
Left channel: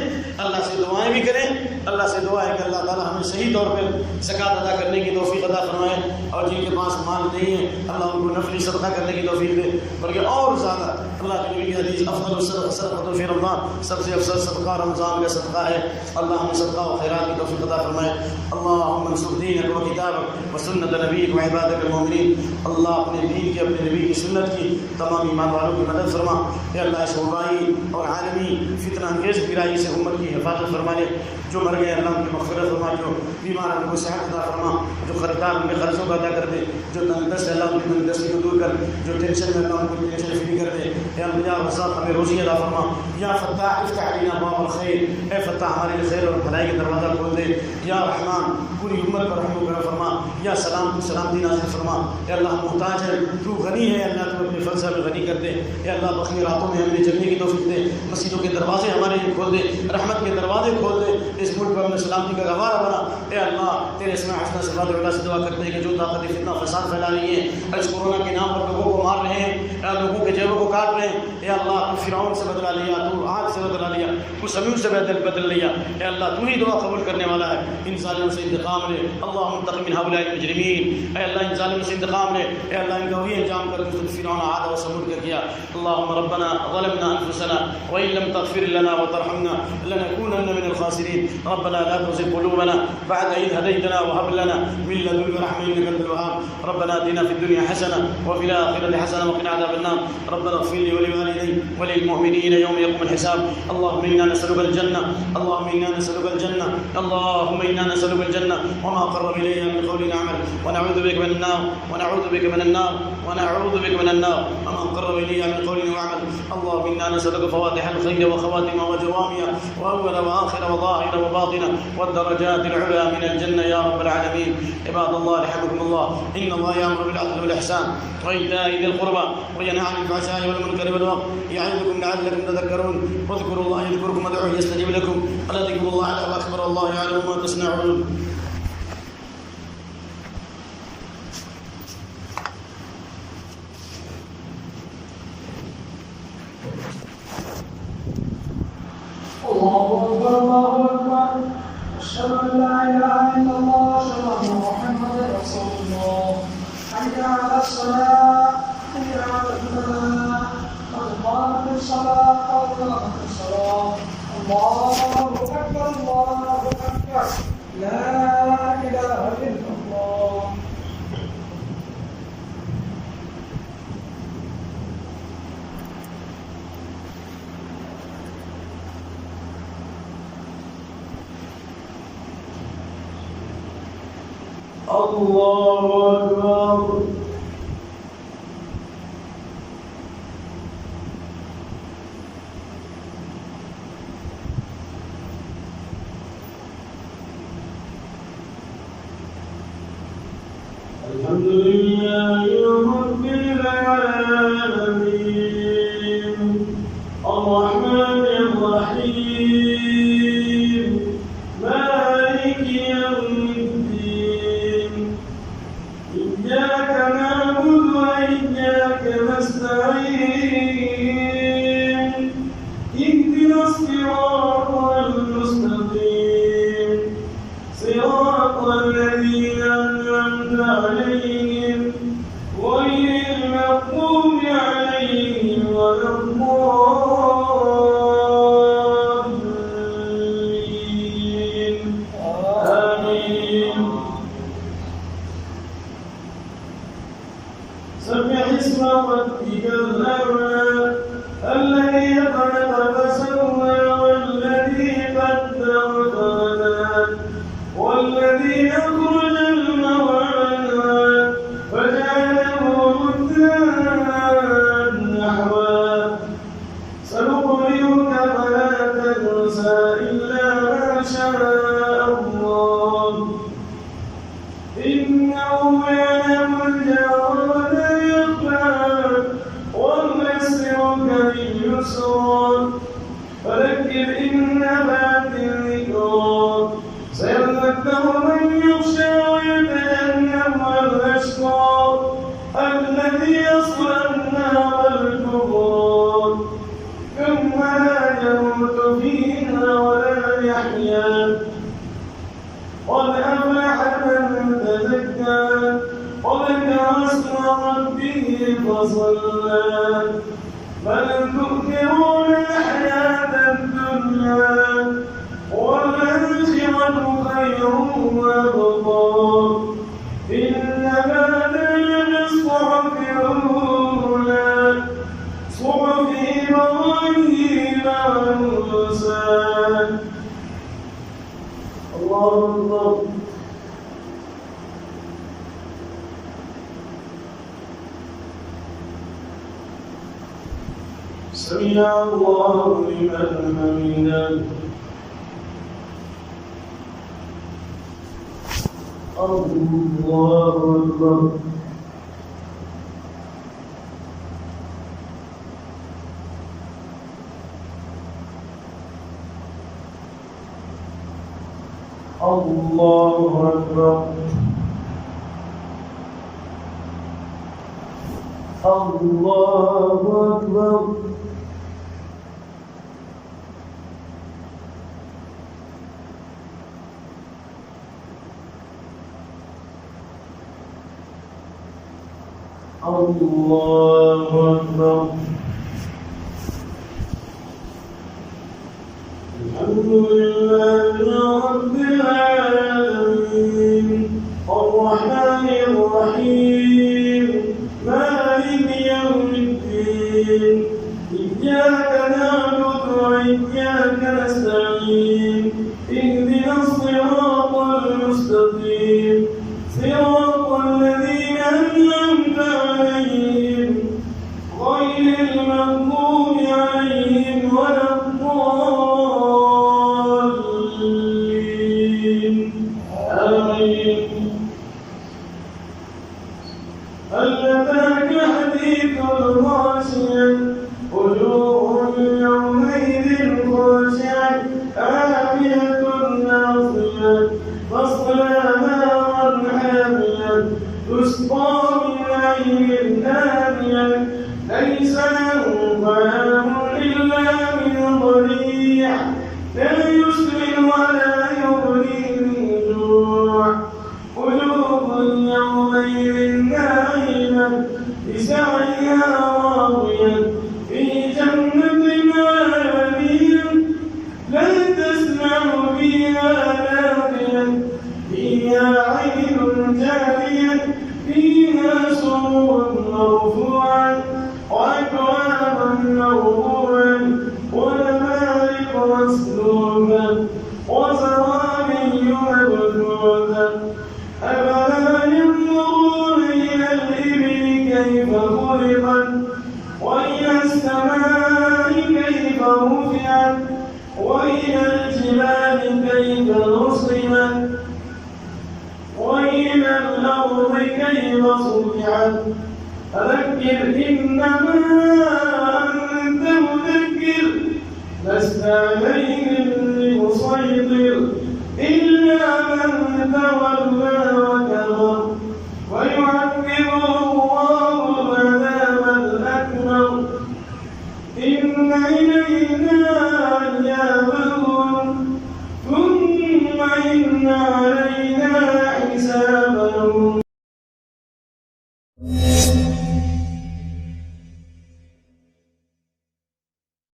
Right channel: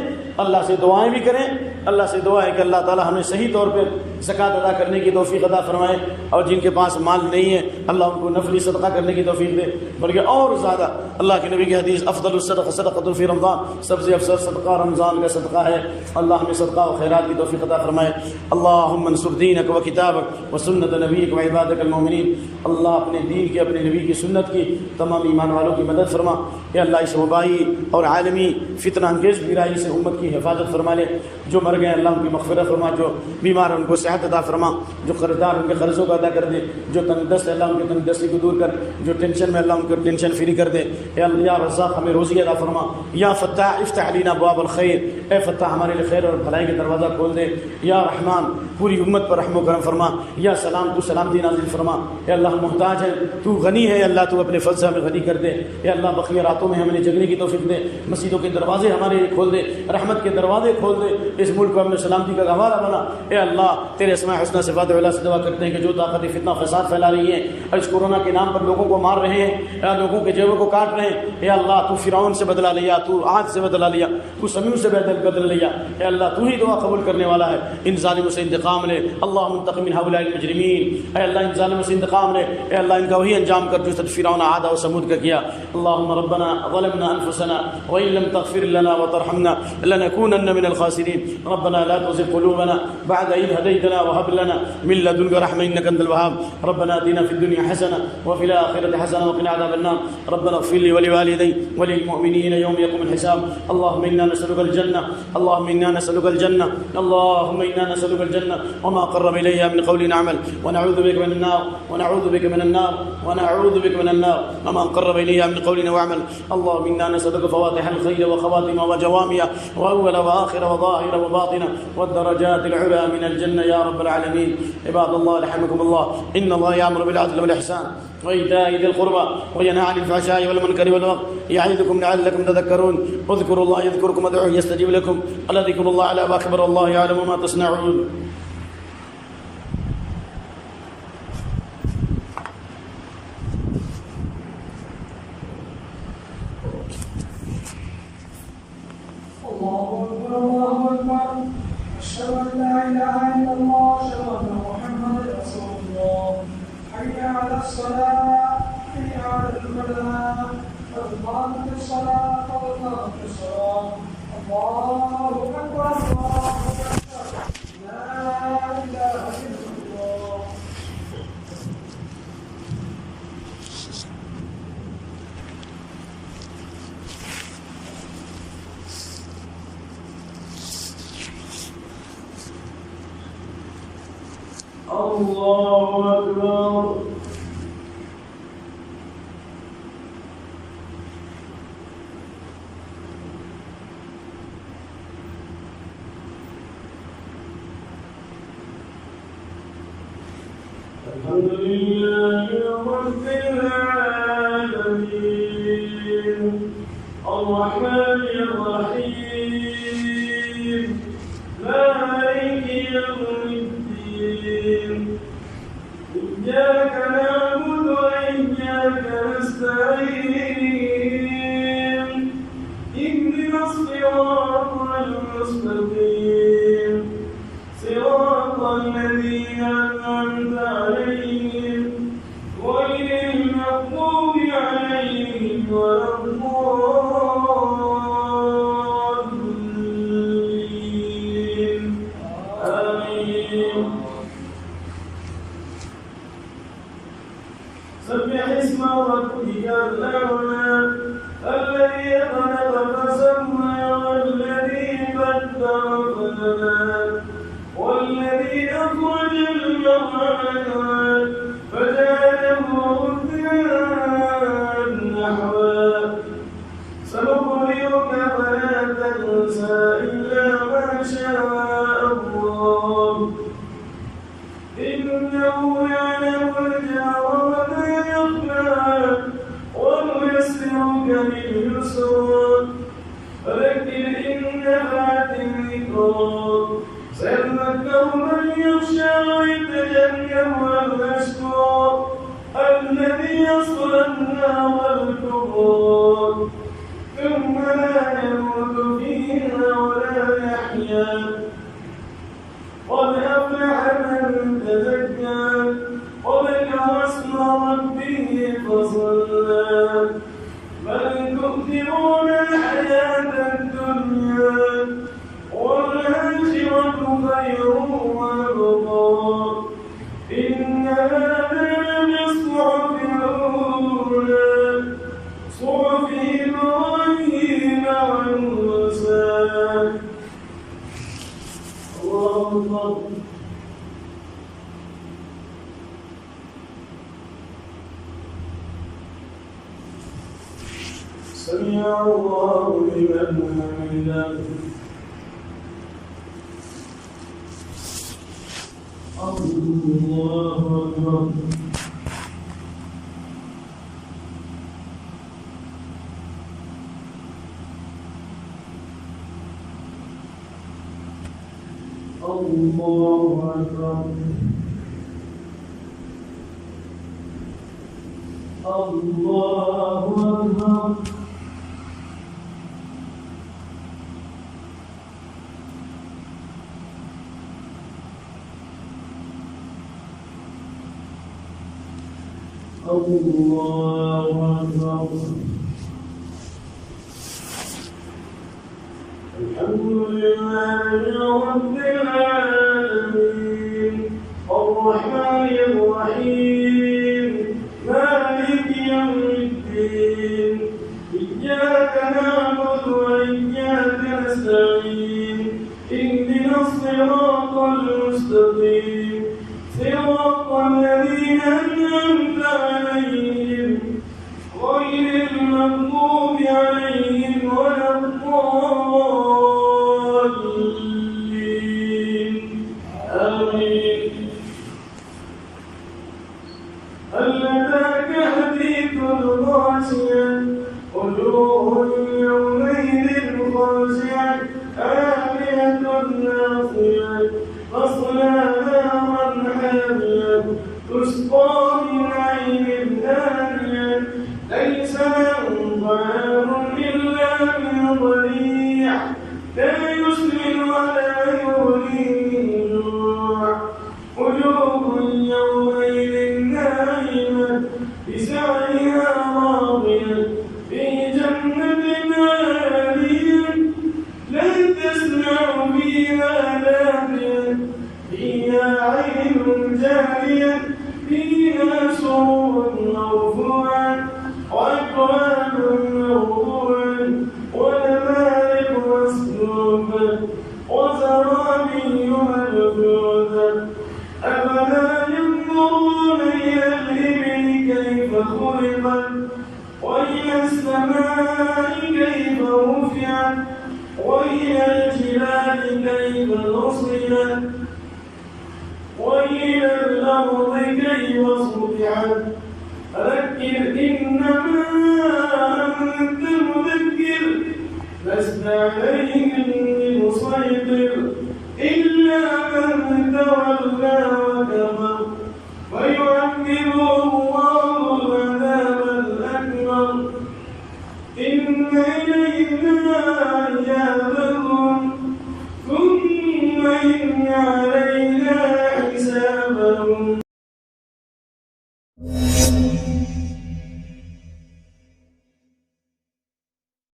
اللہ سے دعائیں بھی کریں۔ اللہ سے دعا ہے کہ اللہ تعالی ہمیں صحیح طور پر زکوٰۃ ادا کرنے کی توفیق عطا فرمائے، اور جن کے پاس مال نہیں ہے اللہ ان کو نفلی صدقہ کرنے کی توفیق دے، بلکہ اور زیادہ اللہ کے نبی کی حدیث افضل الصدقہ صدقۃ فی رمضان، سب سے افضل صدقہ رمضان کا صدقہ ہے۔ اللہ ہمیں صدقہ و خیرات کی توفیق عطا فرمائے۔ اللہم انصر دینک و کتابک و سنت نبیک و عبادک المؤمنین۔ اللہ اپنے دین کی، اپنے نبی کی سنت کی تمام ایمان والوں کی مدد فرما۔ اے اللہ اس وبائی اور عالمی فتنہ انگیز برائی سے امت کی حفاظت فرما لے۔ جو مر گئے اللہ ان کی مغفرت فرما، جو بیمار ان کو صحت عطا فرما، جو قرضدار ان کے قرضوں کو ادا کر دے، جو تنگ دست ہے اللہ ان کی تنگ دستی کو دور کر، جو ٹینشن میں اللہ ان کو ٹینشن فری کر دے۔ اے اللہ یا رزاق ہمیں روزی عطا فرما، یا فتاح افتح علینا ابواب الخیر، اے فتاح ہمارے لیے خیر اور بھلائی کا دروازہ کھول دے۔ یا رحمان پوری امت پر رحم و کرم فرما، یا سلام تو سلامتی نازل فرما۔ اے اللہ ہم محتاج ہیں، تو غنی ہے، اللہ تو اپنے فضل سے ہمیں غنی کر دے۔ اے اللہ بقیہ راتوں میں ہمیں جگنے کی توفیق دے، مسجدوں کے دروازے ہمارے لیے کھول دے، رحمت کے دروازے کھول دے، اس ملک کو ہمیں سلامتی کا گہوارہ بنا۔ اے اللہ تیرے اسماء حسنہ صفات وعلا سے دعا کرتے ہیں کہ جو طاقت فتنہ فساد پھیلا رہی ہے اور اس کورونا کے نام پر لوگوں کو مار رہے ہیں، اے لوگوں کے جیبوں کو کاٹ رہے ہیں، اے اللہ تو فرعون سے بدلہ لیا، تو عاد سے بدلہ لیا، تو سمیع سے بدل لیا۔ اے اللہ تو ہی دعا قبول کرنے والا ہے، ان ظالموں سے انتقام لے۔ اللہم انتقم من هؤلاء المجرمین، اے اللہ ان ظالموں سے انتقام لے، اے اللہ ان کا وہی انجام کر جو فرعون عاد و ثمود کا کیا۔ اللہم ربنا ظلمنا انفسنا وان لم تغفر لنا وترحمنا لنكونن من الخاسرین۔ ربنا لا تزغ قلوبنا بعد إذ هديتنا وهب لنا من لدنك رحمة إنك أنت الوهاب۔ ربنا آتنا في الدنيا حسنة وفي الآخرة حسنة وقنا عذاب النار۔ ربنا اغفر لي ولوالدي وللمؤمنين يوم يقوم الحساب۔ اللهم إنا نسألك الجنة، اللهم إنا نسألك الجنة، اللهم إنا نسألك الجنة وما قرب إليها من قول عمل، ونعوذ بك من النار، ونعوذ بك من النار، ونعوذ بك من النار وما قرب إليها من قول وعمل۔ اللهم إنا نسألك فواتح الخير وخواتم وجوامع وأول وآخر وظاهر وباطن والدرجات العلى من الجنة يا رب العالمين۔ عباد الله رحمكم الله، إن الله يأمر بالعدل والإحسان وإيتاء ذي القربى وينهى عن الفحشاء والمنكر والبغي يعظكم لعلكم تذكرون۔ اذكروا الله يذكركم وادعوه يستجيب لكم، ولذكر الله أعلى وأكبر، الله يعلم ما تصنعون۔ الله أكبر الله أكبر، أشهد أن لا إله إلا الله، أشهد أن محمدا رسول الله، حي على الصلاة، حي على الفلاح، قد قامت الصلاة، قد قامت الصلاة، الله أكبر الله أكبر، لا إله إلا الله۔ الله أكبر۔ الحمد لله رب العالمين، الرحمن الرحيم، مالك يوم الدين، إياك نعبد وإياك نستعين، اهدنا الصراط المستقيم، صراط الذين أنعمت عليهم غير المغضوب عليهم ولا الضالين، آمين۔ سبح اسم ربك الأعلى، الذي خلق فسوى، والذي قدر فهدى، والذي أخرج المرعى فجعله غثاء نحوا، سنقرئك فلا تنسى إلا ما شاء الله، إنه يعلم الجهر وما يخفى، ونيسرك لليسرى، فذكر إن نفعت الذكرى، سيذكر من يخشى ويتجنبها الأشقى، الذي يصلى النار الكبرى، ثم لا ولا يحيا قد أفلح من تزكى وذكر اسم ربه فصلى بل تؤثرون الحياة الدنيا والآخرة خير وأبقى إن هذا للصحف الأولى صحف إبراهيم وموسى. الله أكبر. سمع الله لمن حمده. الله أكبر. الله أكبر. الله أكبر. الله أكبر. الحمد لله رب العالمين الرحمن الرحيم مالك يوم الدين إياك نعبد وإياك نستعين اهدنا الصراط المستقيم صراط الذين أنعمت عليهم غير المغضوب عليهم ولا الضالين آمين. هل أتاك حديث الغاشية وجوه يومئذ خاشعة عاملة ناصية تصلى نارا حامية تسقى من عين آنية ليس لهم طعام إلا من ضريع لا يسمن ولا يغني من جوع وجوه يومئذ ناعمة لسعيها راضية في جنة عالية لا تسمع فيها لاغية فيها عين جارية فيها سرور مرفوعة وأكواب موضوعة ونمارق مسنونة وزرابي مبثوثة أفلا ينظرون إلى الإبل كيف خلقت وإلى السماء كيف رفعت وإلى الجبال كيف نصبت وإلى الأرض كيف سطحت فذكر إنما أنت مذكر لست عليهم